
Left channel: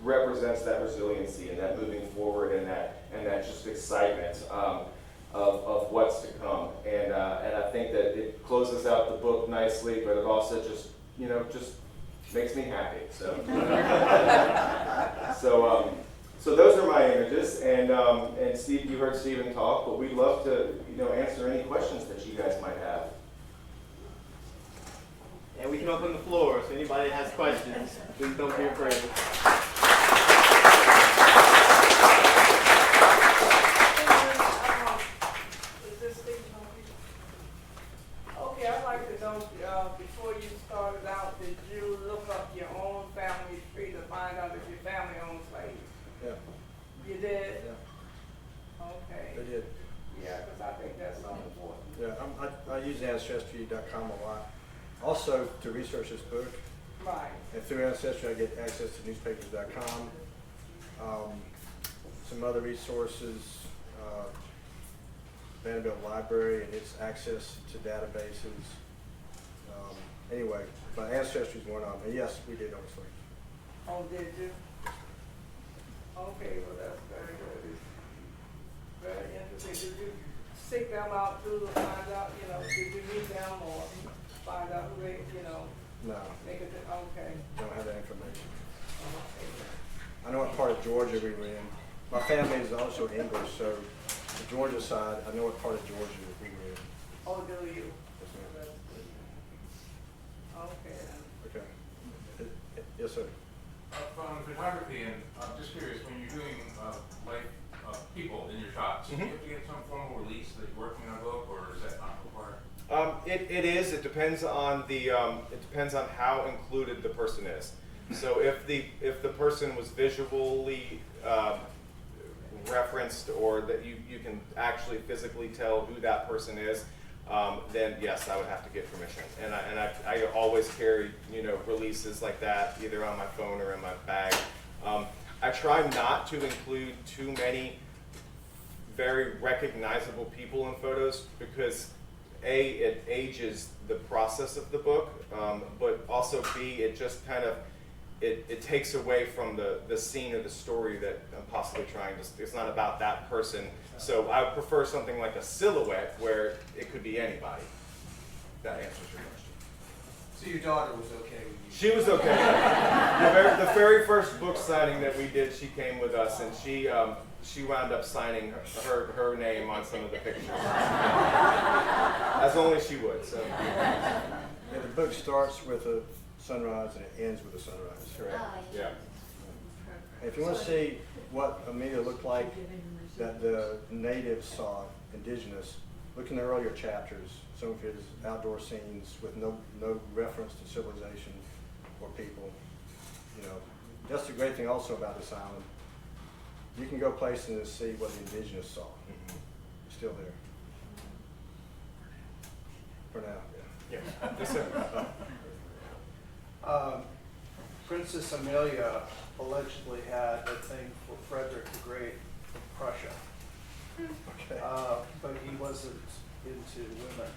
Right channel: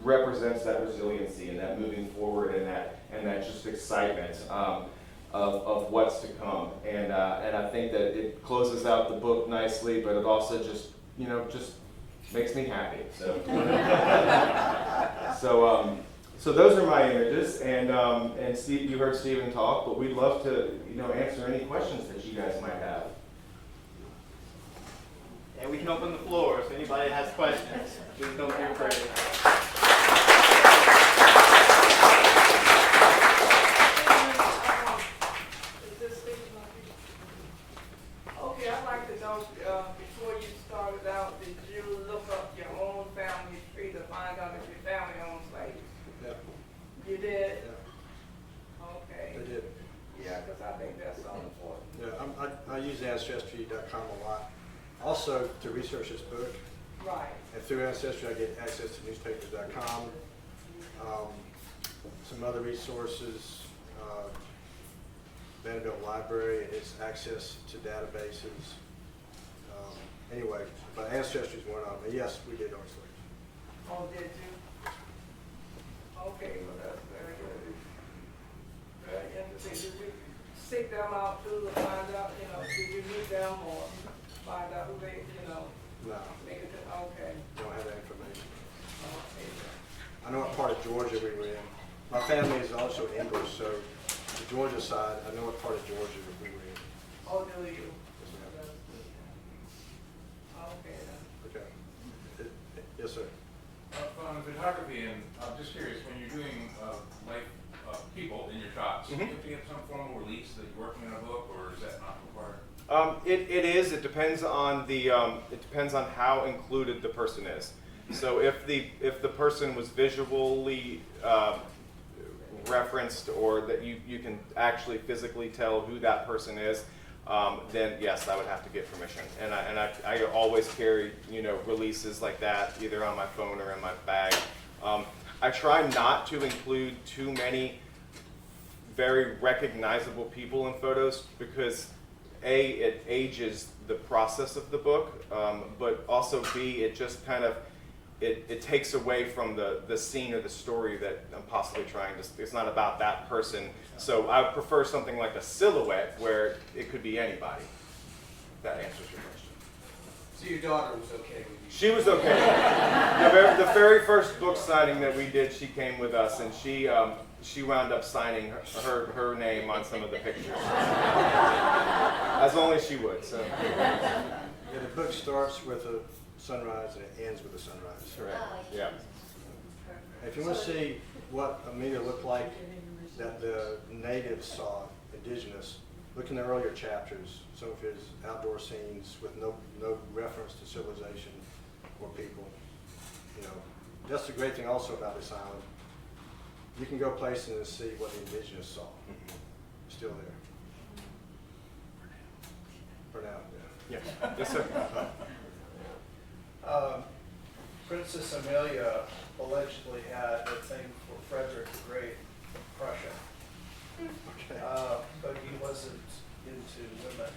represents that resiliency and that moving forward and that just excitement of what's to come. And I think that it closes out the book nicely, but it also just, you know, just makes me happy. So. So those are my images, and Steve, you heard Stephen talk, but we'd love to, you know, answer any questions that you guys might have. And we can open the floor, so anybody has questions, please don't be afraid. Okay, I'd like to know, before you started out, did you look up your own family tree to find out if your family owns slaves? Yeah. You did? Yeah. Okay. They did. Yeah, because I think that's so important. Yeah, I use Ancestry.com a lot. Also, to research this book, Right. and through Ancestry, I get access to newspapers.com, some other resources, Vanderbilt Library and its access to databases. Anyway, but Ancestry is one of them. And yes, we did own slaves. Oh, did you? Okay, well, that's very good. Very interesting. Did you seek them out too to find out, you know, did you meet them or find out who they, you know, No, make it, okay. don't have that information. Okay. I know what part of Georgia we were in. My family is also English, so the Georgia side, I know what part of Georgia we were in. Oh, do you? Yes, ma'am. Okay, then. Okay. Yes, sir. From photography, and I'm just curious, when you're doing life people in your shots, do you have to get some formal release that you're working on a book, or is that not required? It is. It depends on how included the person is. So if the person was visually referenced, or that you can actually physically tell who that person is, then yes, I would have to get permission. And I always carry, you know, releases like that either on my phone or in my bag. I try not to include too many very recognizable people in photos, because A, it ages the process of the book, but also B, it just kind of, it takes away from the scene or the story that I'm possibly trying to, it's not about that person. So I would prefer something like a silhouette where it could be anybody. If that answers your question. So your daughter was okay with you? She was okay. The very first book signing that we did, she came with us, and she wound up signing her name on some of the pictures, as only she would. So. And the book starts with a sunrise and it ends with a sunrise. Correct. Yeah. If you want to see what Amelia looked like that the natives saw, indigenous, look in the earlier chapters, some of his outdoor scenes with no reference to civilization or people. You know, that's the great thing also about this island. You can go places and see what the indigenous saw. Still there. For now, yeah. Yes. Yes, sir. Princess Amelia allegedly had a thing for Frederick the Great of Prussia, but he wasn't into women.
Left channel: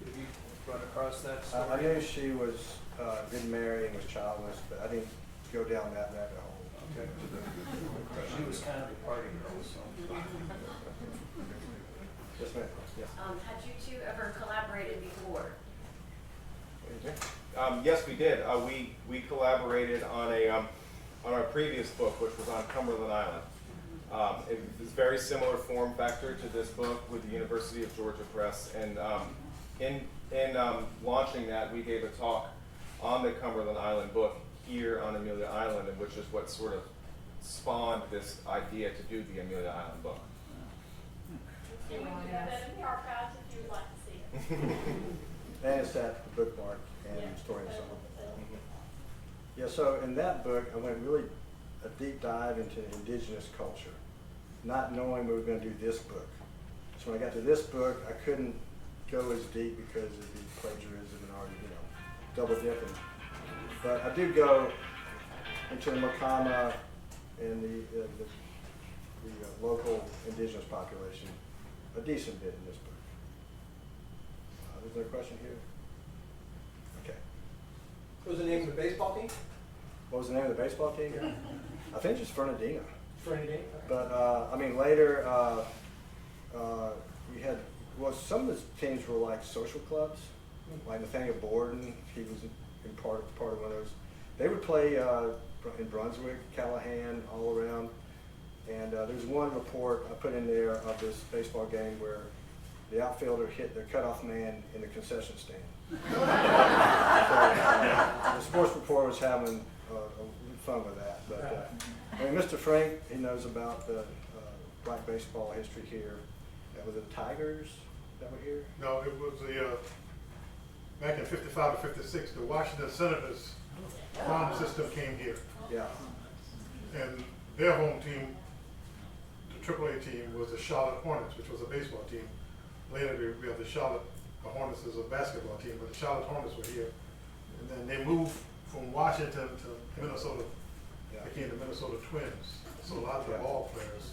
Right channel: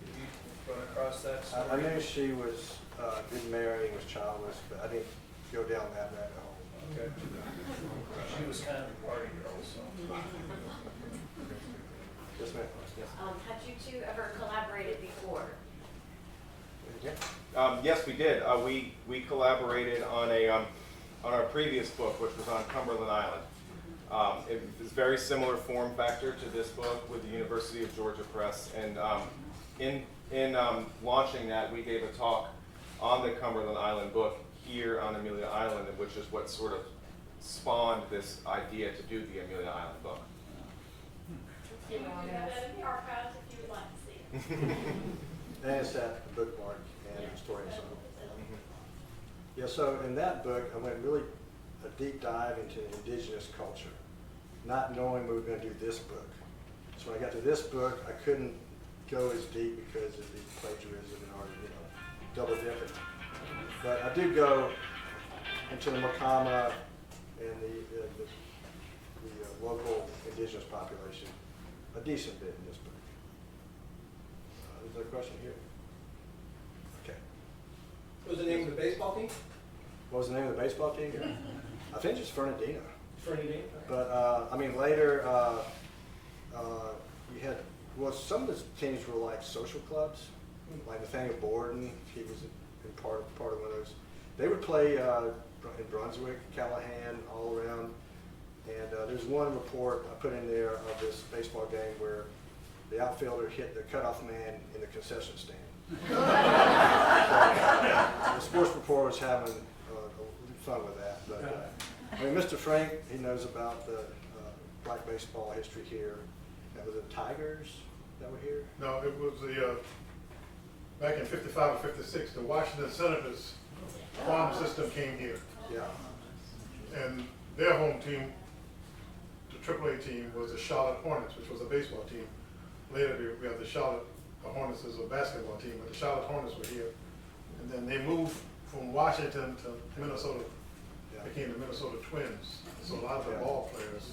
Have you run across that story? I knew she was didn't marry and was childless, but I didn't go down that rabbit hole. Okay. She was kind of a party girl, so. Yes, ma'am. Yes. Had you two ever collaborated before? Yes, we did. We collaborated on our previous book, which was on Cumberland Island. It was very similar form factor to this book with the University of Georgia Press, and in launching that, we gave a talk on the Cumberland Island book here on Amelia Island, which is what sort of spawned this idea to do the Amelia Island book. We do have that in the archives if you would like to see it. And it's that bookmark and story and so on. Yeah, so in that book, I went really a deep dive into indigenous culture, not knowing we were going to do this book. So when I got to this book, I couldn't go as deep because of the plagiarism and already, double dipping. But I do go into the Mokama and the local indigenous population a decent bit in this book. Is there a question here? Okay. What was the name of the baseball team? What was the name of the baseball team? I think it's Fernandina. Fernandina. But later you had, some of the teams were like social clubs, like Nathaniel Borden. He was in part of one of those. They would play in Brunswick, Callahan, all around. And there's one report I put in there of this baseball game where the outfielder hit the cutoff man in the concession stand. The sports reporter was having fun with that. But Mr. Frank, he knows about the black baseball history here. And was it Tigers that were here? No, it was the back in '55 or '56. The Washington Senators farm system came here, Yeah. and their home team, the AAA team, was the Charlotte Hornets, which was a baseball team. Later, we had the Charlotte Hornets as a basketball team, but the Charlotte Hornets were here. And then they moved from Washington to Minnesota, Yeah. became the Minnesota Twins. So a lot of the ball players,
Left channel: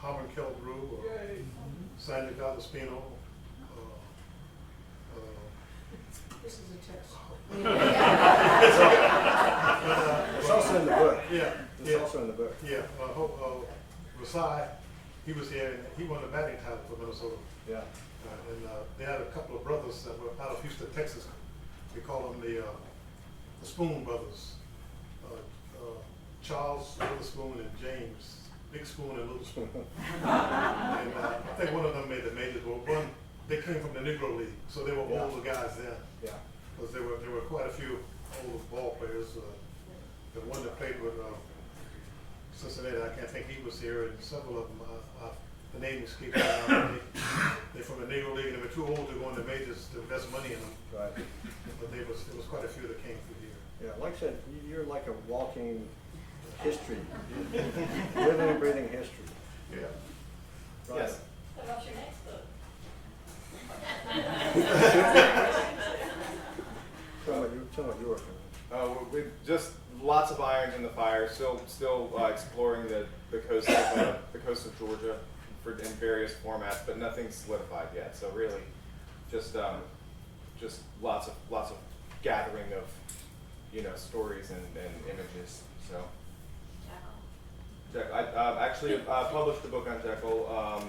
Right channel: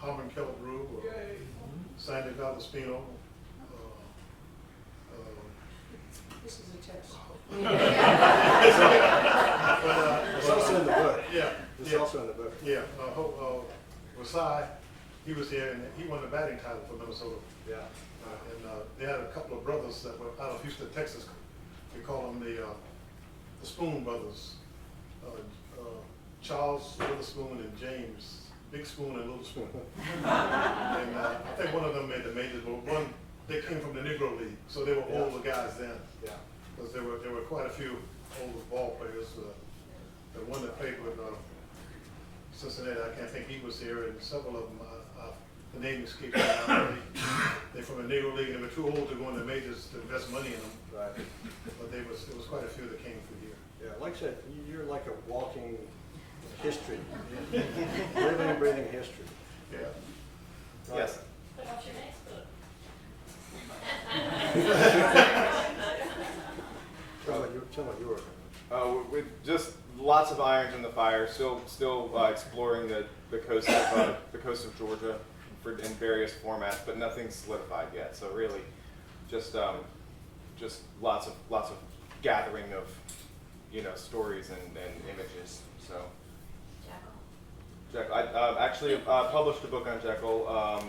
Harmon Kelbrew, Sandy Valdespino, This is a test. It's also in the book. Yeah. It's also in the book. Yeah, Versailles, he was here, and he won the batting title for Minnesota. Yeah. They had a couple of brothers that were out of Houston, Texas. We call them the Spoon brothers. Charles Witherspoon and James, Big Spoon and Little Spoon. And I think one of them made the majors, but one, they came from the Negro League, so they were older guys then. Yeah. Because there were quite a few old ball players. The one that played with Cincinnati, I can't think he was here, and several of them, the name escaped me now. They're from the Negro League, and they were too old to go in the majors to invest money in them. Right. But there was quite a few that came through here. Yeah, like I said, you're like a walking history, living and breathing history. Yeah. Right. Yes. So what's your next book? Tell me what you were working With just lots of irons in the fire. Still exploring the coast of Georgia, in various formats, but nothing's solidified yet. So really, just lots of gathering of, you know, stories and images. So. Jekyll. I actually published a book on Jekyll.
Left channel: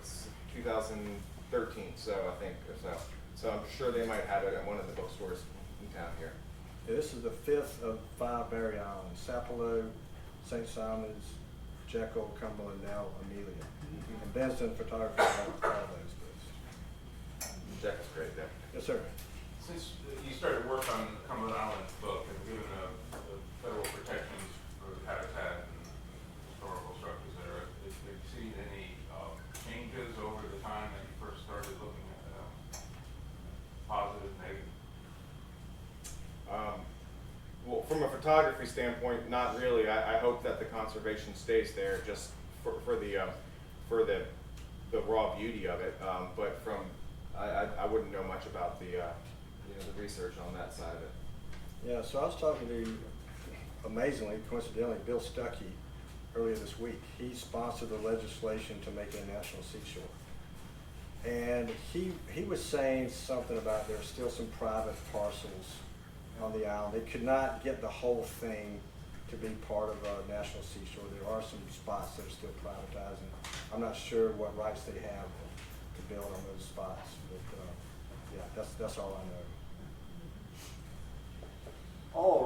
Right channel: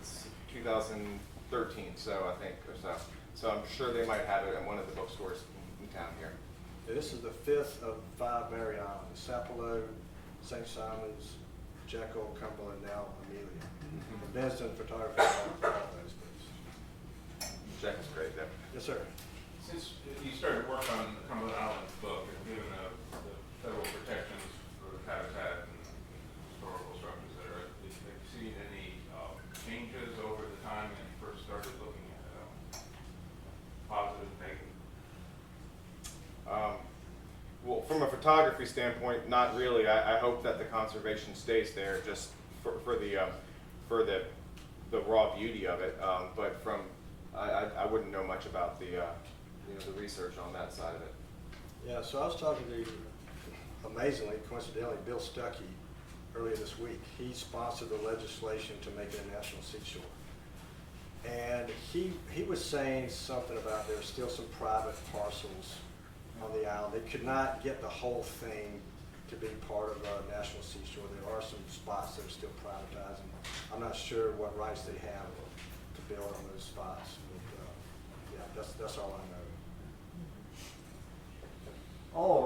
It's 2013, so I think, or so. So I'm sure they might have it at one of the bookstores in town here. This is the 5th of 5 Barry Islands: Sapelo, St. Simons, Jekyll, Cumberland, now Amelia. And Ben's done photography on all those books. Jekyll's great there. Yes, sir. Since you started work on Cumberland Island's book, and given the federal protections for habitat and historical structures there, have you seen any changes over the time that you first started looking at positive, negative? Well, from a photography standpoint, not really. I hope that the conservation stays there just for the raw beauty of it. But from I wouldn't know much about the the research on that side of it. Yeah, so I was talking to, amazingly, coincidentally, Bill Stuckey earlier this week. He sponsored the legislation to make it a national seashore. And he was saying something about there's still some private parcels on the island. They could not get the whole thing to be part of a national seashore. There are some spots that are still privatized. I'm not sure what rights they have to build on those spots, but yeah, that's all I know. Oh.